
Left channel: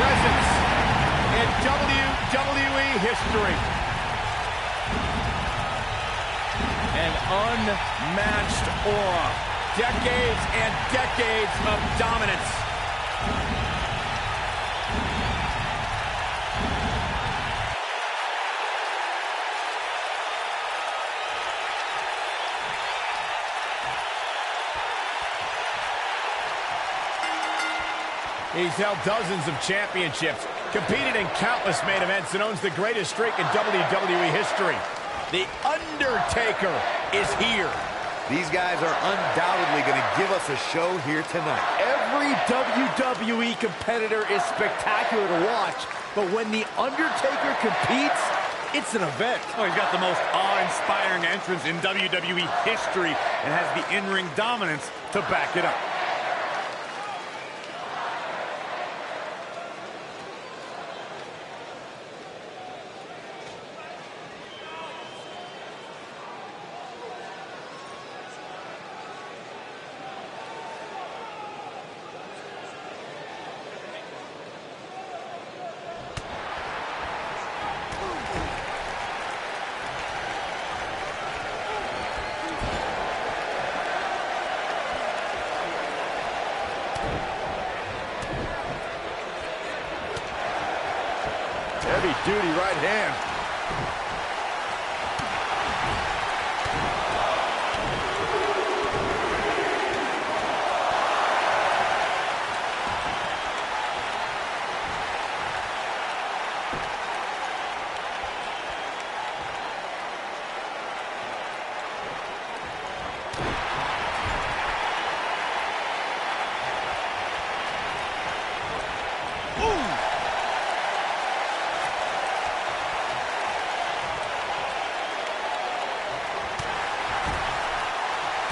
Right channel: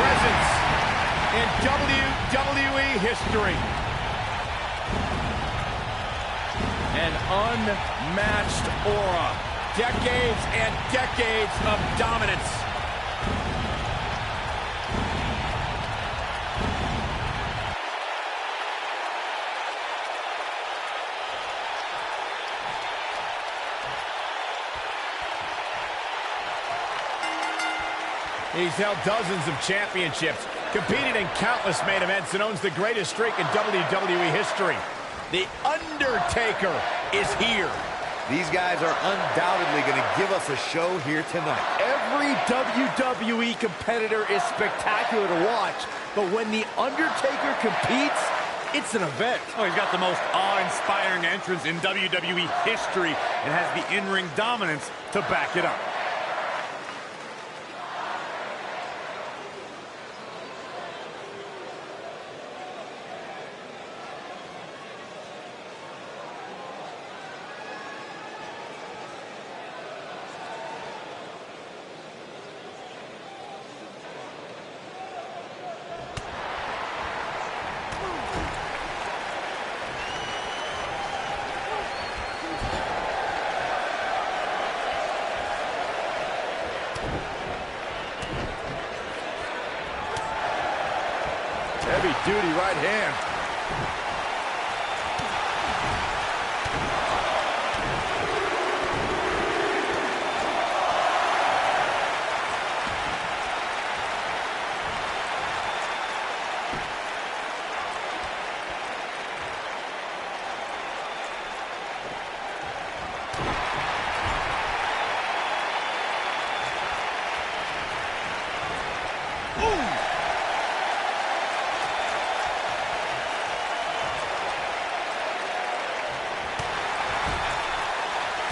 presence in WWE history. An unmatched aura. Decades and decades of dominance. He's held dozens of championships, competed in countless main events, and owns the greatest streak in WWE history. The Undertaker is here. These guys are undoubtedly going to give us a show here tonight. Every WWE competitor is spectacular to watch, but when The Undertaker competes, it's an event. Oh, he's got the most awe-inspiring entrance in WWE history and has the in-ring dominance to back it up. Heavy-duty right hand.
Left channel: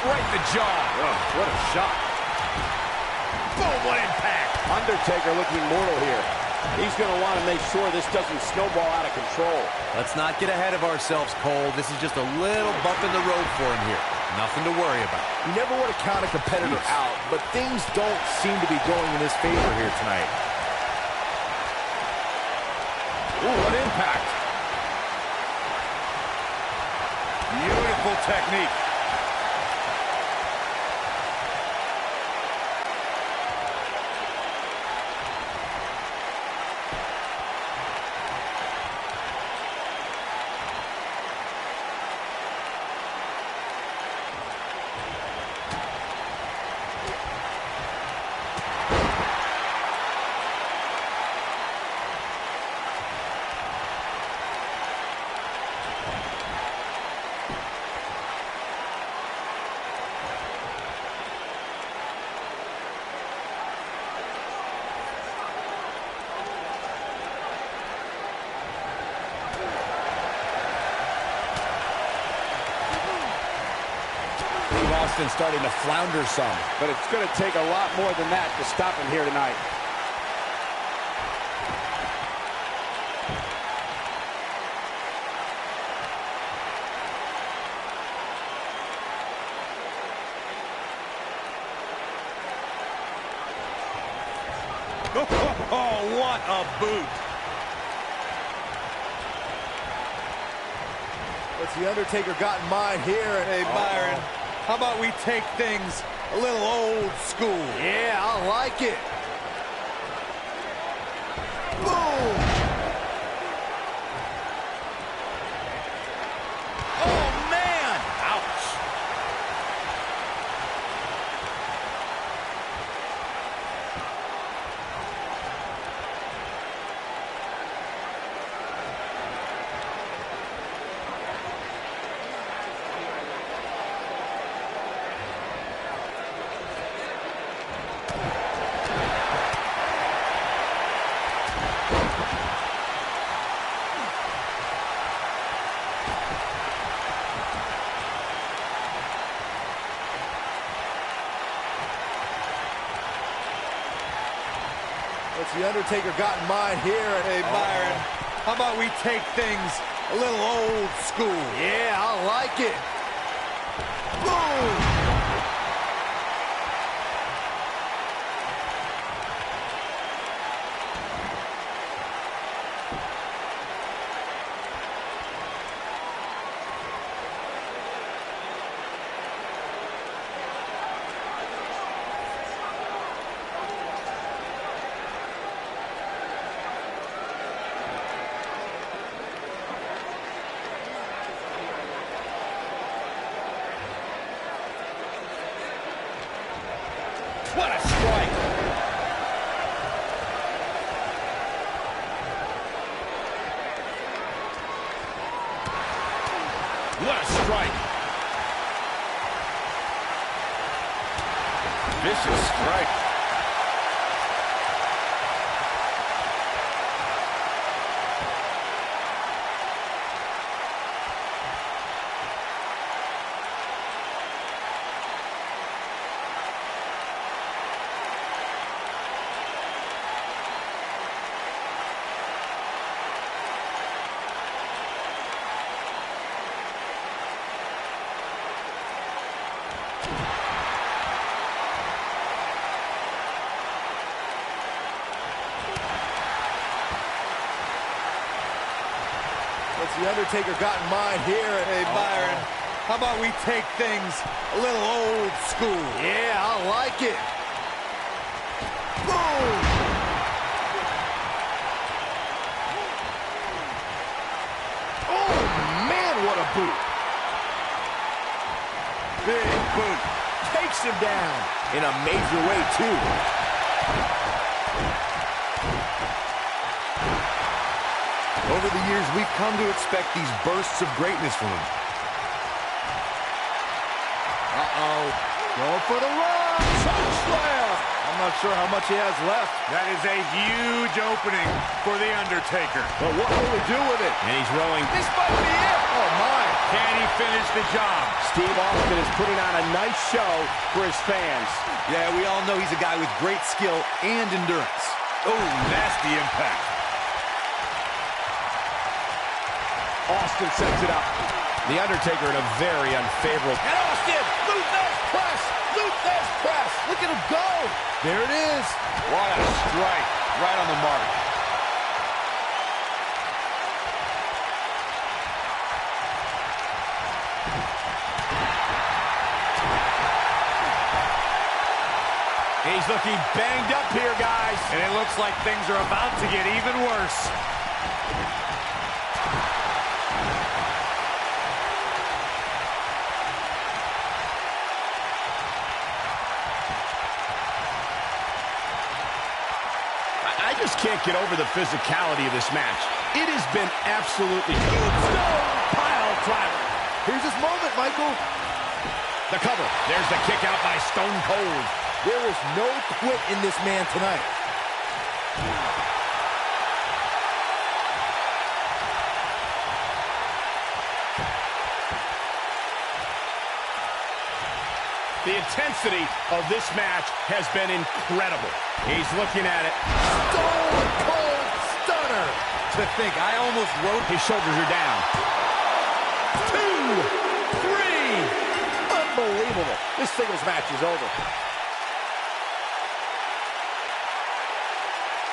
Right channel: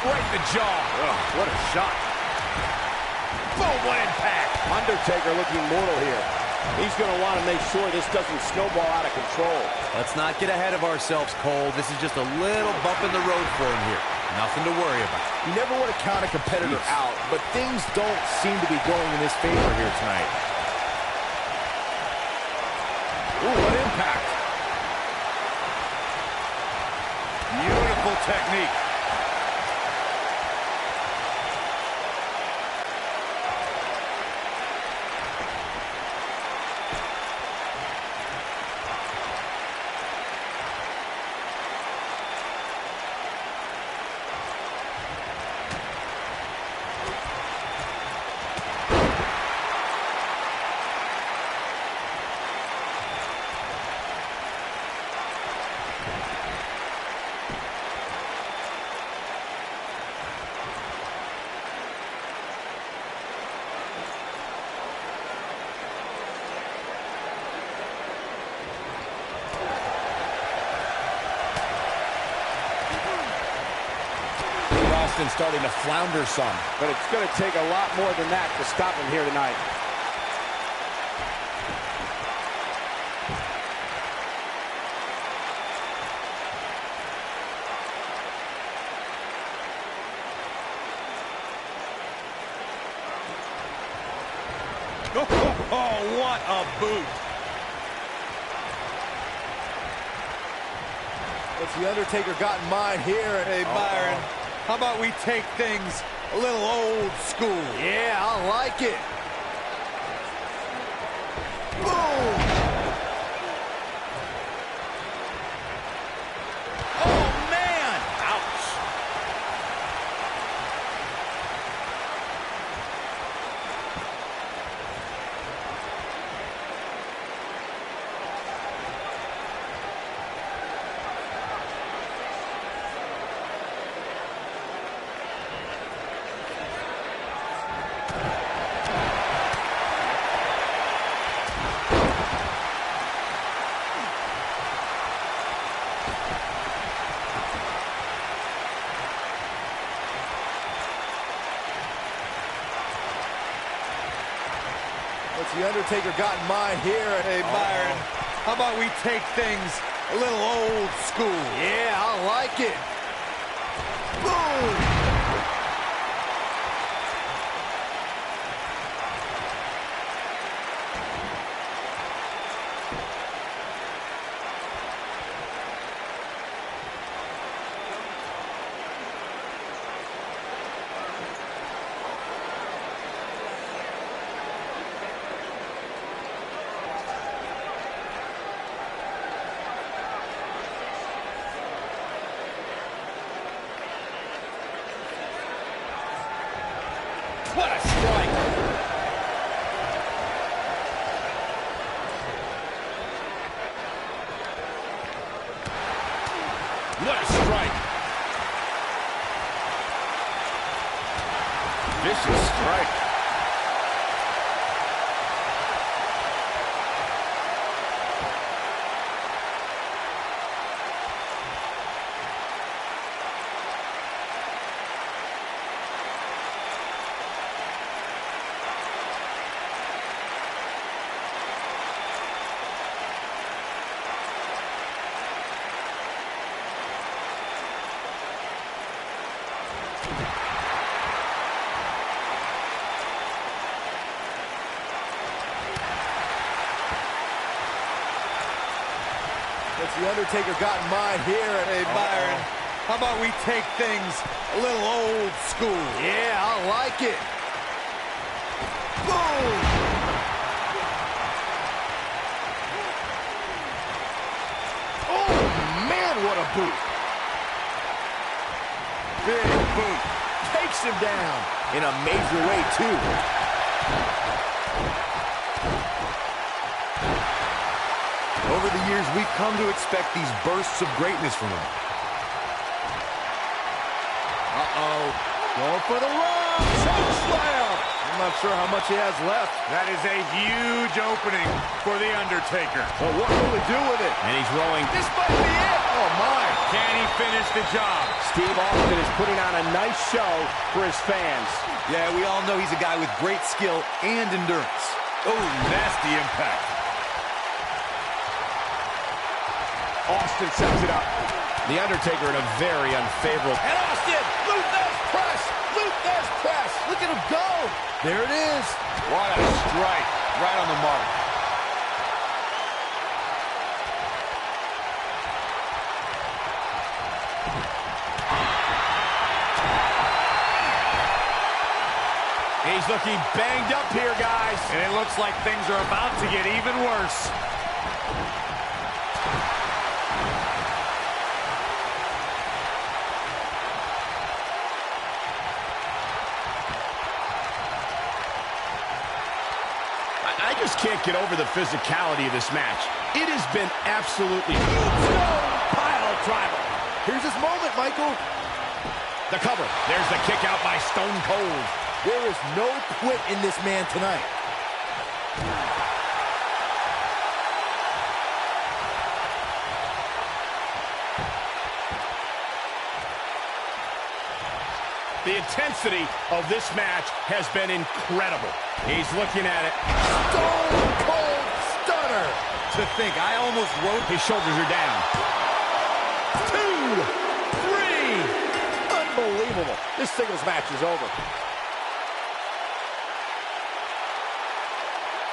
Right in the jaw. Oh, what a shot. Boom, what impact. Undertaker looking mortal here. He's going to want to make sure this doesn't snowball out of control. Let's not get ahead of ourselves, Cole. This is just a little bump in the road for him here. Nothing to worry about. You never want to count a competitor out, but things don't seem to be going in his favor here tonight. Ooh, what impact. Beautiful technique. Austin starting to flounder some. But it's going to take a lot more than that to stop him here tonight. Oh, what a boot. What's The Undertaker got in mind here? Hey, Byron, how about we take things a little old school? Yeah, I like it. Boom! Oh, man! Ouch. What's The Undertaker got in mind here? Hey, Byron, how about we take things a little old school? Yeah, I like it. Boom! What a strike! What a strike. Vicious strike. What's the Undertaker got in mind here? Hey, Byron, how about we take things a little old school? Yeah, I like it. Boom! Oh, man, what a boot. Big boot. Takes him down in a major way, too. Over the years, we've come to expect these bursts of greatness from him. Uh-oh. Going for the run. Choke slam. I'm not sure how much he has left. That is a huge opening for The Undertaker. But what will he do with it? And he's rolling. This might be it. Oh, my. Can he finish the job? Steve Austin is putting on a nice show for his fans. Yeah, we all know he's a guy with great skill and endurance. Oh, nasty impact. Austin sets it up. The Undertaker in a very unfavorable. And Austin, Luthez press. Luthez press. Look at him go. There it is. What a strike. Right on the mark. He's looking banged up here, guys. And it looks like things are about to get even worse. I just can't get over the physicality of this match. It has been absolutely Tombstone pile driver. Here's his moment, Michael. the cover. There's the kick out by Stone Cold. There is no quit in this man tonight. The intensity of this match has been incredible. He's looking at it. Stone Cold Stunner. To think, I almost wrote... His shoulders are down. 2, 3. Unbelievable. This singles match is over.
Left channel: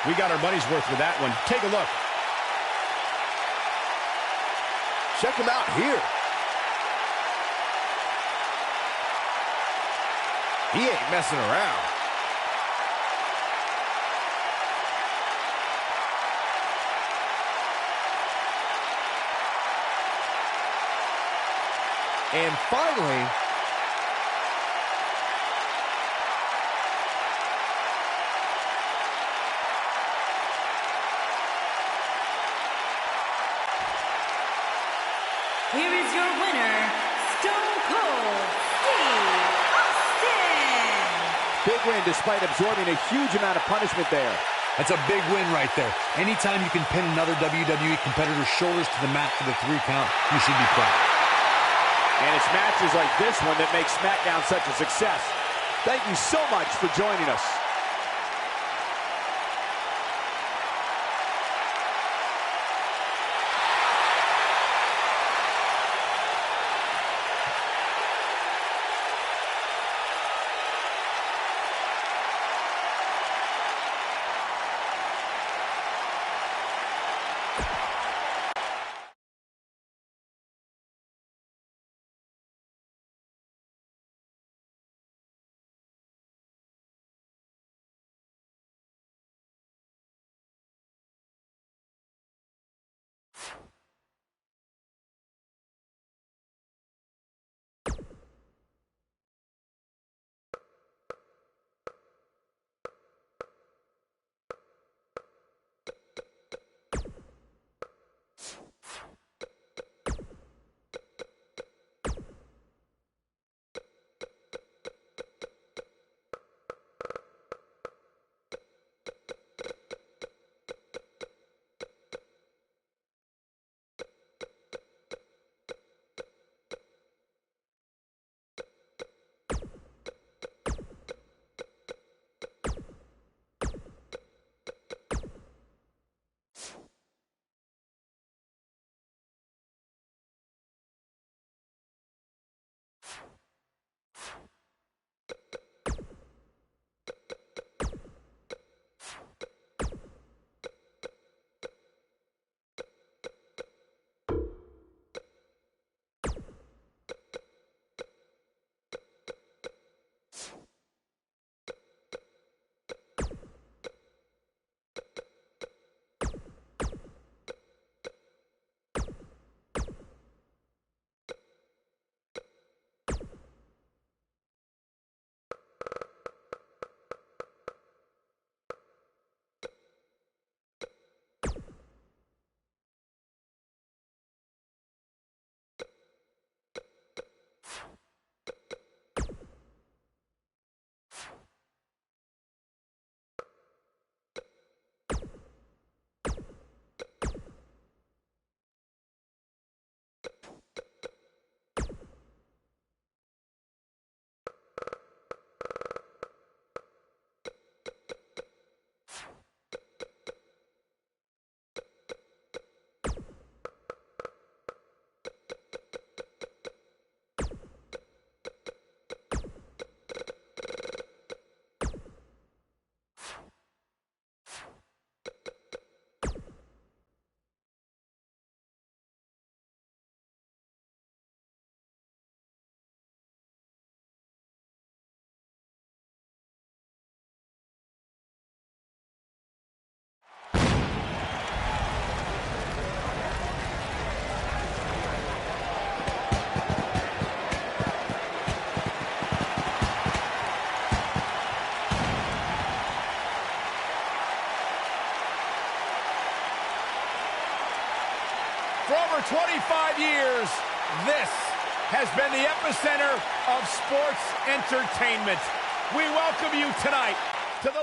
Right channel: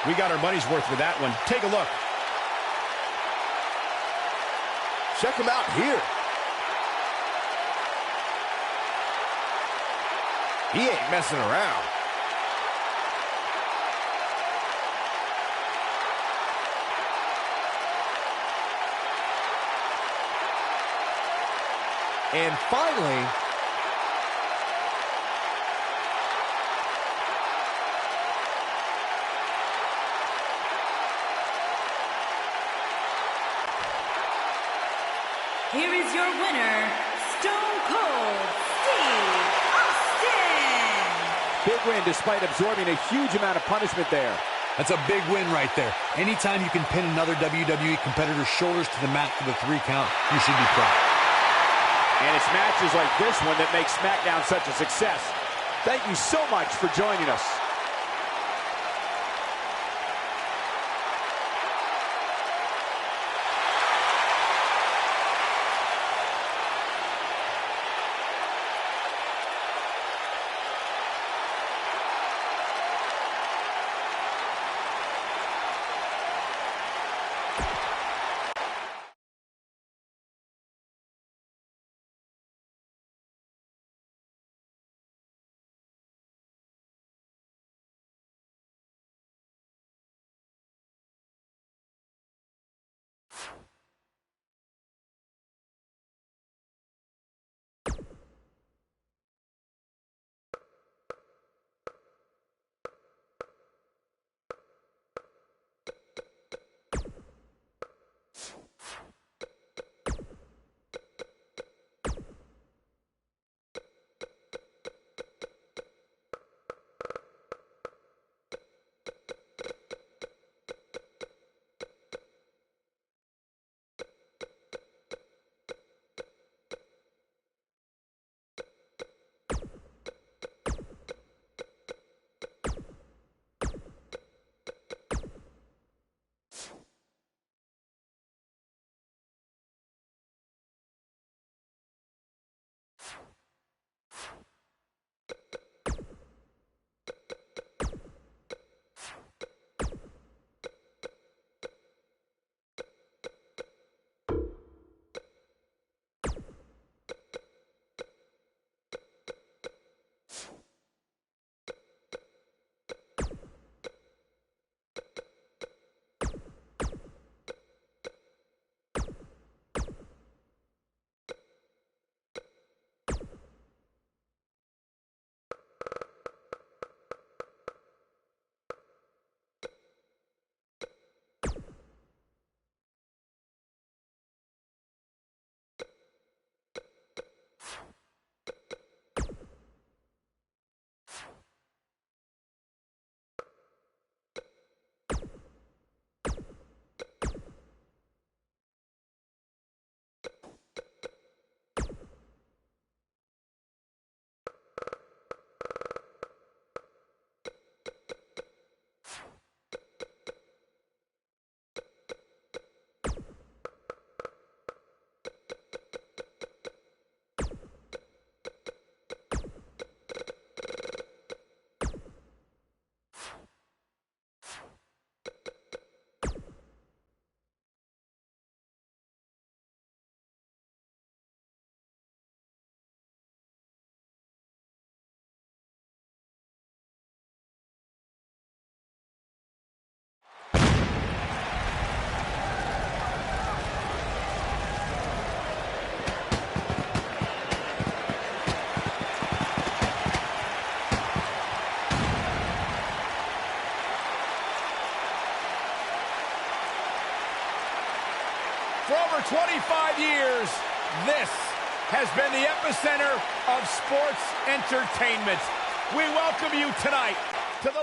We got our money's worth with that one. Take a look. Check him out here. He ain't messing around. And finally, here is your winner, Stone Cold Steve Austin. Big win despite absorbing a huge amount of punishment there. That's a big win right there. Anytime you can pin another WWE competitor's shoulders to the mat for the 3 count, you should be proud. And it's matches like this one that make SmackDown such a success. Thank you so much for joining us. For over 25 years, this has been the epicenter of sports entertainment. We welcome you tonight to the